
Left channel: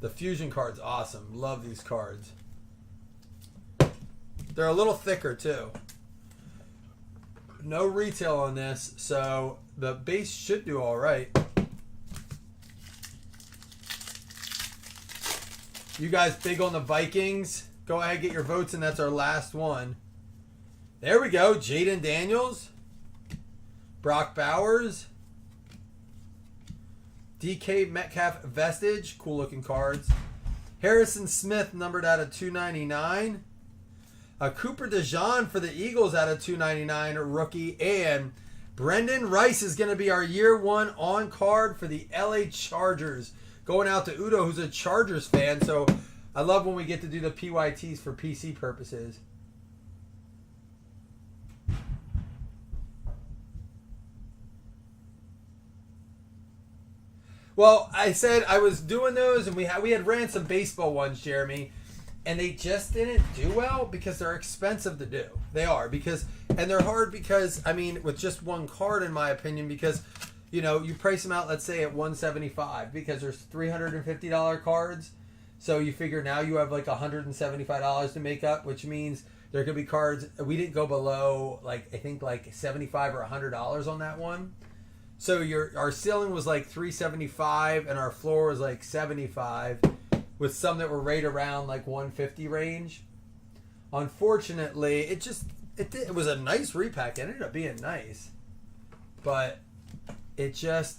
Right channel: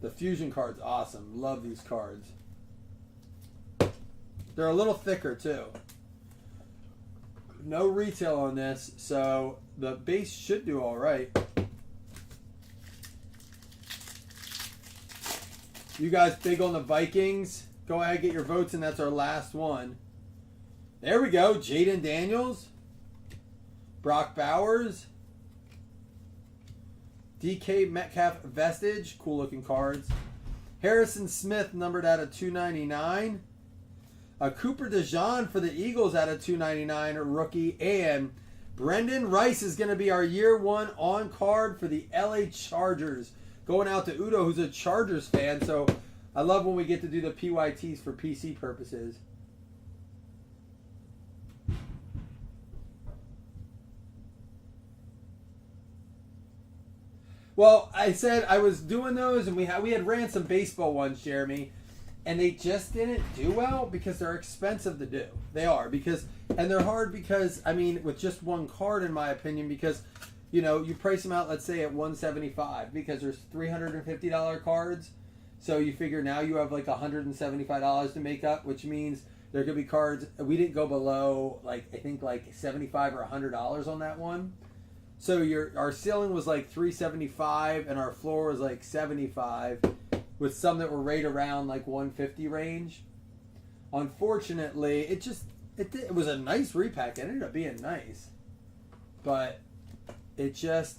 The Fusion card's awesome. Love these cards. They're a little thicker, too. No retail on this, so the base should do all right. You guys big on the Vikings? Go ahead, get your votes, and that's our last one. There we go. Jaden Daniels. Brock Bowers. DK Metcalf Vestige. Cool looking cards. Harrison Smith numbered out of 299. A Cooper DeJean for the Eagles out of 299 rookie. And Brendan Rice is going to be our year one on card for the LA Chargers. Going out to Udo, who's a Chargers fan. So I love when we get to do the PYTs for PC purposes. Well, I said I was doing those, and we had ran some baseball ones, Jeremy, and they just didn't do well because they're expensive to do. They are and they're hard because I mean, with just one card, in my opinion, because you know you price them out, let's say at $175 because there's $350 cards, so you figure now you have like $175 to make up, which means there could be cards we didn't go below like I think like $75 or $100 on that one. So our ceiling was like $375 and our floor was like $75, with some that were right around like $150 range. Unfortunately, it was a nice repack. It ended up being nice, but it just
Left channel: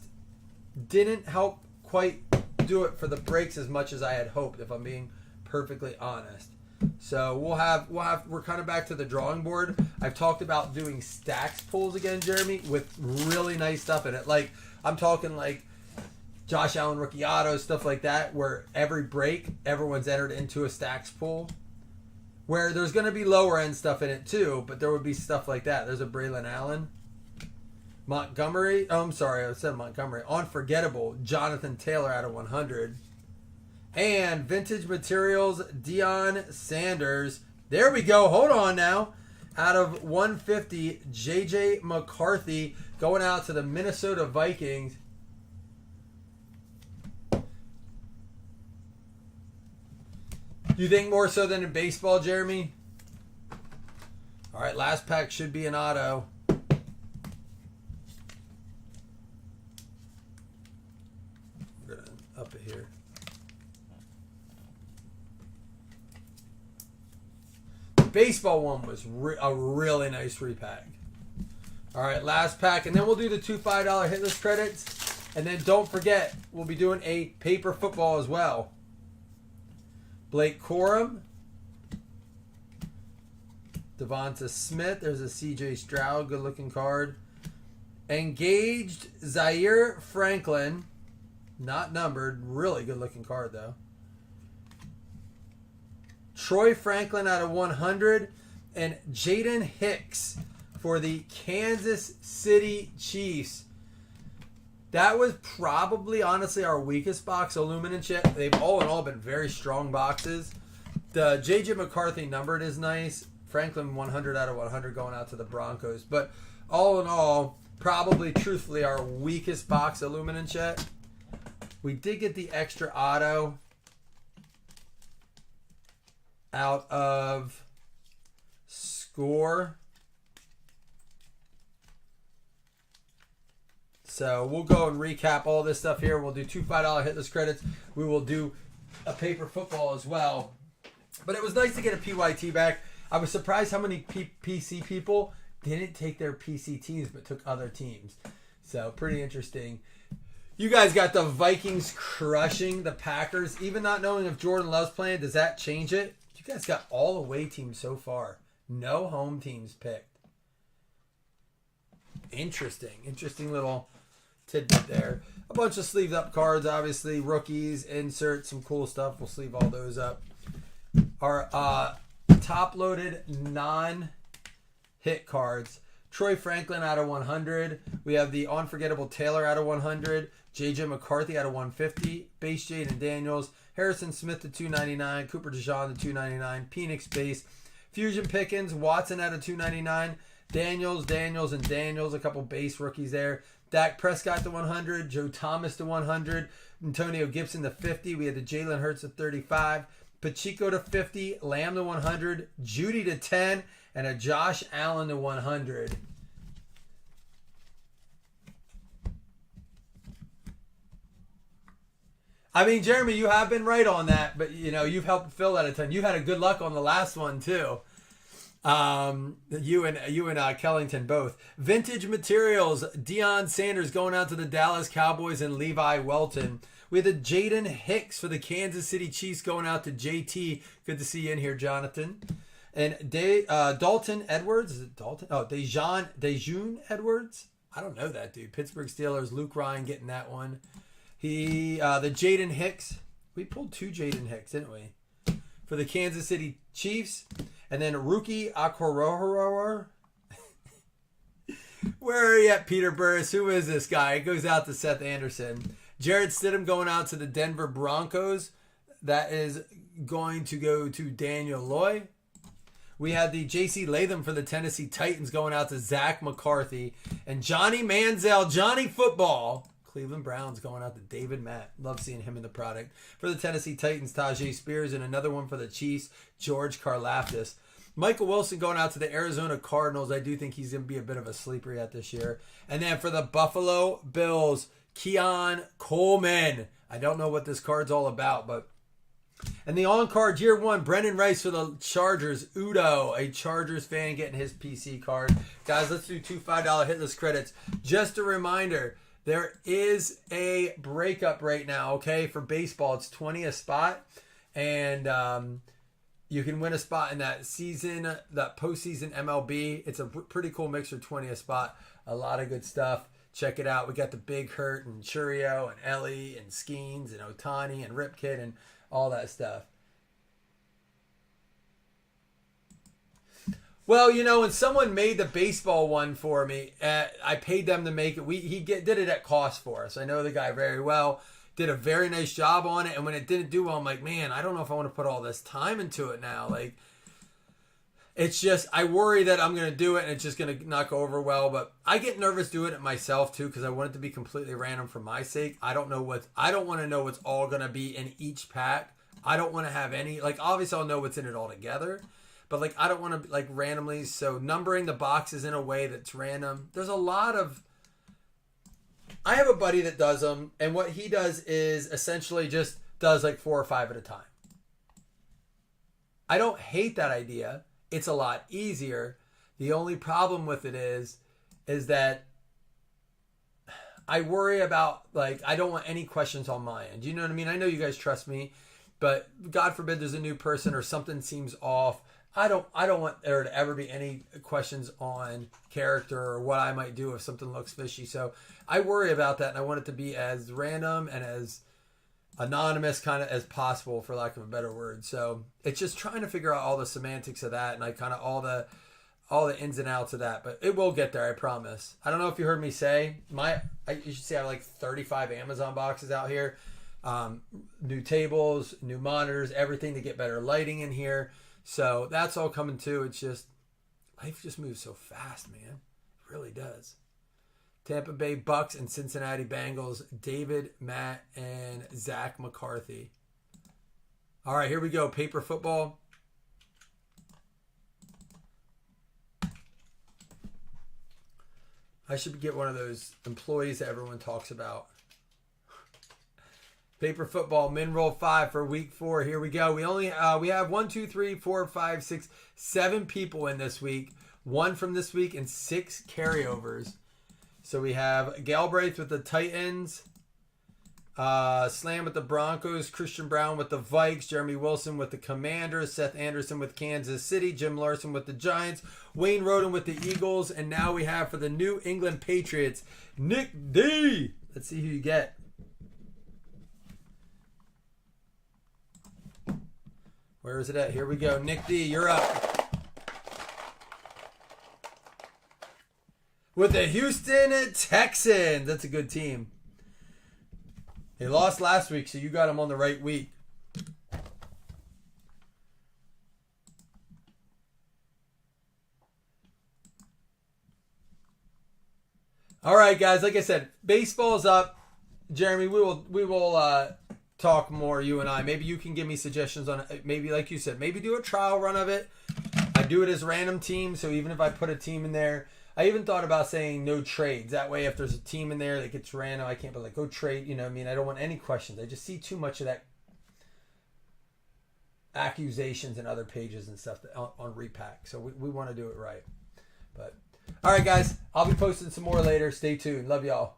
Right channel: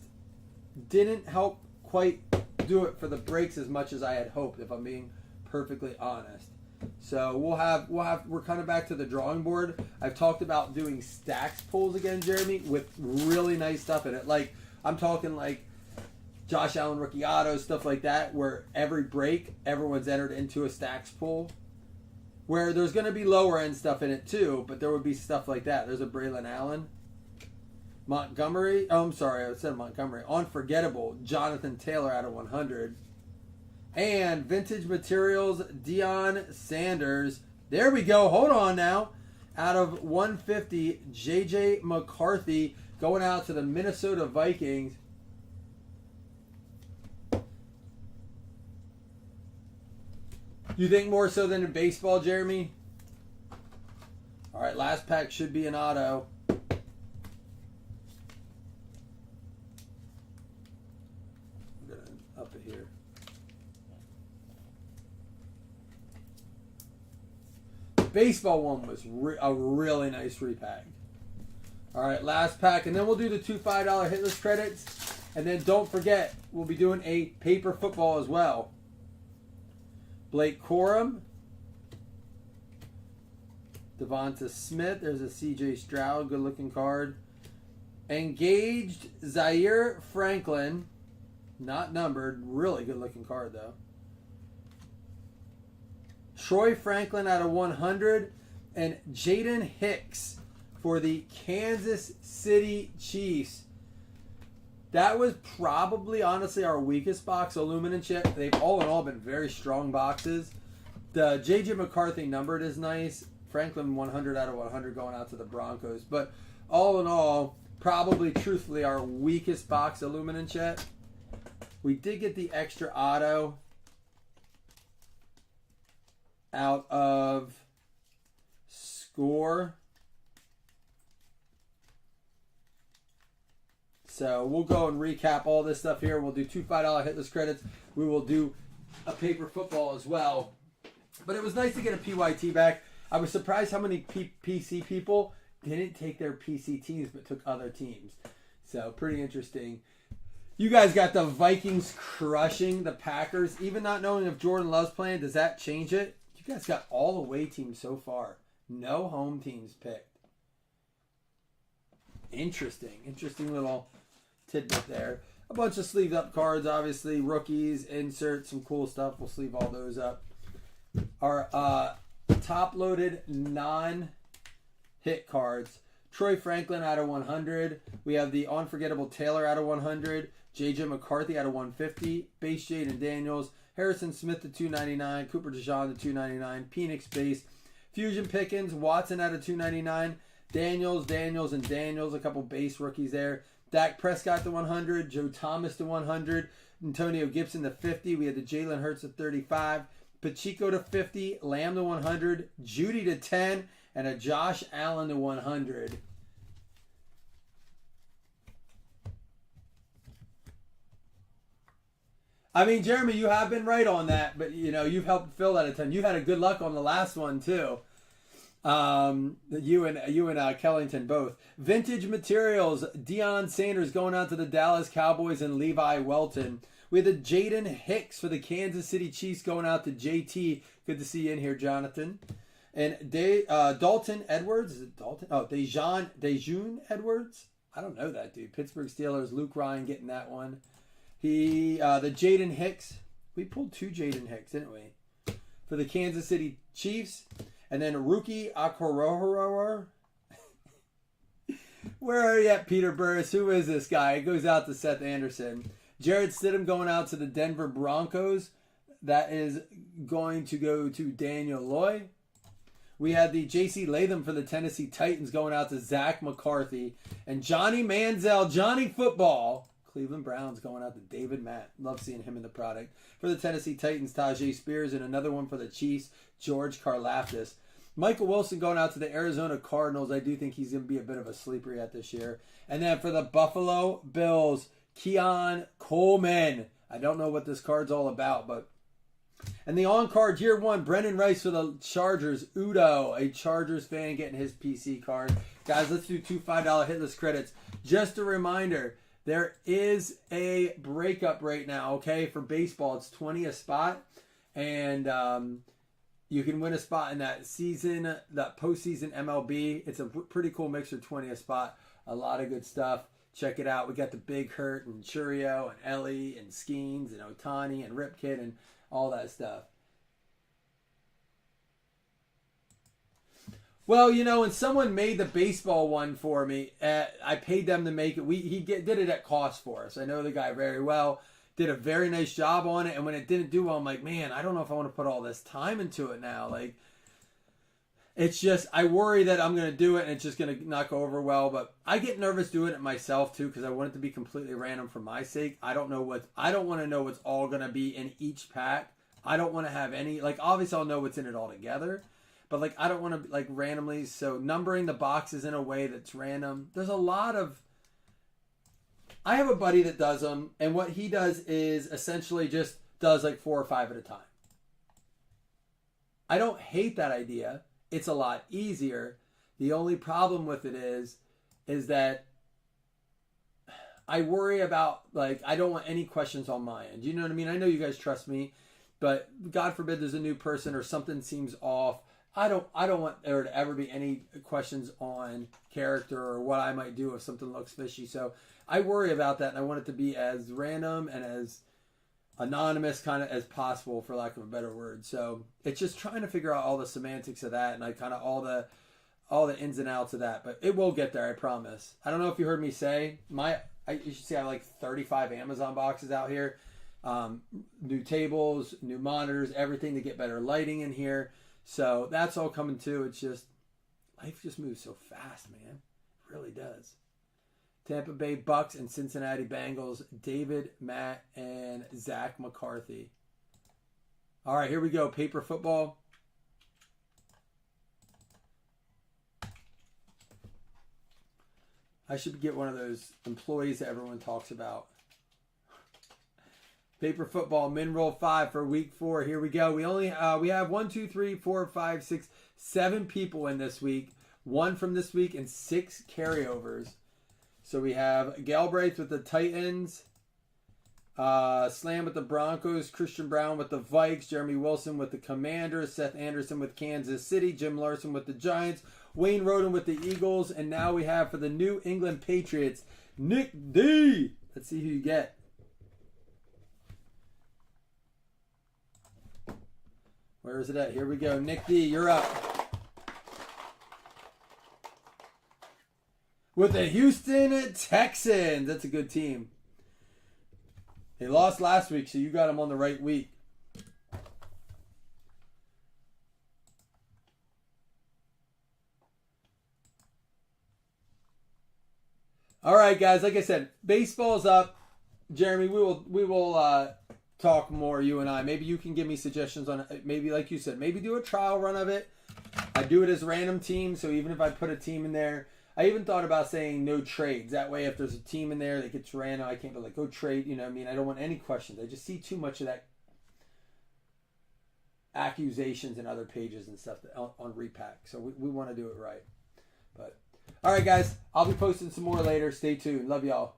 didn't help quite do it for the breaks as much as I had hoped, if I'm being perfectly honest. So we're kind of back to the drawing board. I've talked about doing stacks pulls again, Jeremy, with really nice stuff in it. Like I'm talking like Josh Allen rookie autos, stuff like that, where every break everyone's entered into a stacks pull. Where there's going to be lower end stuff in it too, but there would be stuff like that. There's a Braylon Allen, Montgomery. Oh, I'm sorry, I said Montgomery. Unforgettable, Jonathan Taylor out of 100. And Vintage Materials, Deion Sanders. There we go. Hold on now. Out of 150, J.J. McCarthy going out to the Minnesota Vikings. You think more so than in baseball, Jeremy? All right, last pack should be an auto. I'm going to up it here. Baseball one was a really nice repack. All right, last pack, and then we'll do the $2 $5 hitless credits, and then don't forget we'll be doing a paper football as well. Blake Corum, Devonta Smith. There's a C.J. Stroud, good looking card. Engaged Zaire Franklin, not numbered, really good looking card though. Troy Franklin out of 100, and Jaden Hicks for the Kansas City Chiefs. That was probably, honestly, our weakest box of Lumen and Chip. They've all in all been very strong boxes. The J.J. McCarthy numbered is nice. Franklin 100 out of 100 going out to the Broncos. But all in all, probably, truthfully, our weakest box of Lumen and Chet. We did get the extra auto out of Score. So we'll go and recap all this stuff here. We'll do $2 $5 hitless credits. We will do a paper football as well. But it was nice to get a PYT back. I was surprised how many PC people didn't take their PC teams but took other teams. So pretty interesting. You guys got the Vikings crushing the Packers. Even not knowing if Jordan Love's playing, does that change it? You guys got all away teams so far. No home teams picked. Interesting little tidbit there. A bunch of sleeved up cards, obviously. Rookies, insert, some cool stuff. We'll sleeve all those up. Our top loaded non-hit cards. Troy Franklin out of 100. We have the Unforgettable Taylor out of 100. J.J. McCarthy out of 150. Base Jaden Daniels. Harrison Smith to 299. Cooper DeJean to 299. Penix base. Fusion Pickens. Watson out of 299. Daniels, and Daniels. A couple base rookies there. Dak Prescott to 100. Joe Thomas to 100. Antonio Gibson to 50. We had the Jalen Hurts to 35. Pacheco to 50. Lamb to 100. Judy to 10. And a Josh Allen to 100. I mean, Jeremy, you have been right on that, but you know, you've helped fill that a ton. You had a good luck on the last one too. You and Kellington both. Vintage Materials, Deion Sanders going out to the Dallas Cowboys and Levi Welton. We had the Jaden Hicks for the Kansas City Chiefs going out to JT. Good to see you in here, Jonathan. And Dalton Edwards, is it Dalton? Oh, Dejun Edwards. I don't know that dude. Pittsburgh Steelers. Luke Ryan getting that one. The Jaden Hicks. We pulled 2 Jaden Hicks, didn't we? For the Kansas City Chiefs. And then Rookie Okorohoro. Where are you at, Peter Burris? Who is this guy? It goes out to Seth Anderson. Jared Stidham going out to the Denver Broncos. That is going to go to Daniel Loy. We had the J.C. Latham for the Tennessee Titans going out to Zach McCarthy. And Johnny Manziel, Johnny Football, Cleveland Browns going out to David Matt. Love seeing him in the product. For the Tennessee Titans, Tajay Spears. And another one for the Chiefs, George Karlaftis. Michael Wilson going out to the Arizona Cardinals. I do think he's going to be a bit of a sleeper yet this year. And then for the Buffalo Bills, Keon Coleman. I don't know what this card's all about, but... And the on-card, year 1, Brendan Rice for the Chargers. Udo, a Chargers fan, getting his PC card. Guys, let's do 2 $5 hitless credits. Just a reminder, there is a breakup right now, okay, for baseball. It's 20 a spot, and you can win a spot in that season, that postseason MLB. It's a pretty cool mixer, 20 a spot. A lot of good stuff. Check it out. We got the Big Hurt and Churio and Ellie and Skeens and Otani and Ripkid and all that stuff. Well, you know, when someone made the baseball one for me, I paid them to make it. He did it at cost for us. I know the guy very well. Did a very nice job on it. And when it didn't do well, I'm like, man, I don't know if I want to put all this time into it now. Like, it's just, I worry that I'm going to do it and it's just going to not go over well. But I get nervous doing it myself too, because I want it to be completely random for my sake. I don't want to know what's all going to be in each pack. I don't want to have any, like, obviously I'll know what's in it all together. But, like, I don't want to, like, randomly. So numbering the boxes in a way that's random. There's a lot of, I have a buddy that does them. And what he does is essentially just does, like, 4 or 5 at a time. I don't hate that idea. It's a lot easier. The only problem with it is that I worry about, like, I don't want any questions on my end. You know what I mean? I know you guys trust me, but God forbid there's a new person or something seems off. I don't want there to ever be any questions on character or what I might do if something looks fishy. So I worry about that, and I want it to be as random and as anonymous kind of as possible, for lack of a better word. So it's just trying to figure out all the semantics of that and like kind of all the ins and outs of that. But it will get there, I promise. I don't know if you heard me say you should say I have like 35 Amazon boxes out here. New tables, new monitors, everything to get better lighting in here. So that's all coming too. It's just, life just moves so fast, man. It really does. Tampa Bay Bucks and Cincinnati Bengals, David, Matt, and Zach McCarthy. All right, here we go. Paper football. I should get one of those employees that everyone talks about. Paper football, min roll 5 for week 4. Here we go. We have 1, 2, 3, 4, 5, 6, 7 people in this week. 1 from this week and 6 carryovers. So we have Galbraith with the Titans, Slam with the Broncos, Christian Brown with the Vikes, Jeremy Wilson with the Commanders, Seth Anderson with Kansas City, Jim Larson with the Giants, Wayne Roden with the Eagles, and now we have for the New England Patriots, Nick D. Let's see who you get. Where is it at? Here we go. Nick D, you're up. With the Houston Texans. That's a good team. They lost last week, so you got them on the right week. All right, guys. Like I said, baseball's up. Jeremy, we will talk more, you and I. Maybe you can give me suggestions on it. Maybe, like you said, maybe do a trial run of it. I do it as random teams, so even if I put a team in there, I even thought about saying no trades. That way, if there's a team in there that gets random, I can't be like, go trade. You know what I mean? I don't want any questions. I just see too much of that accusations in other pages and stuff on Repack. So we want to do it right. But all right, guys. I'll be posting some more later. Stay tuned. Love y'all.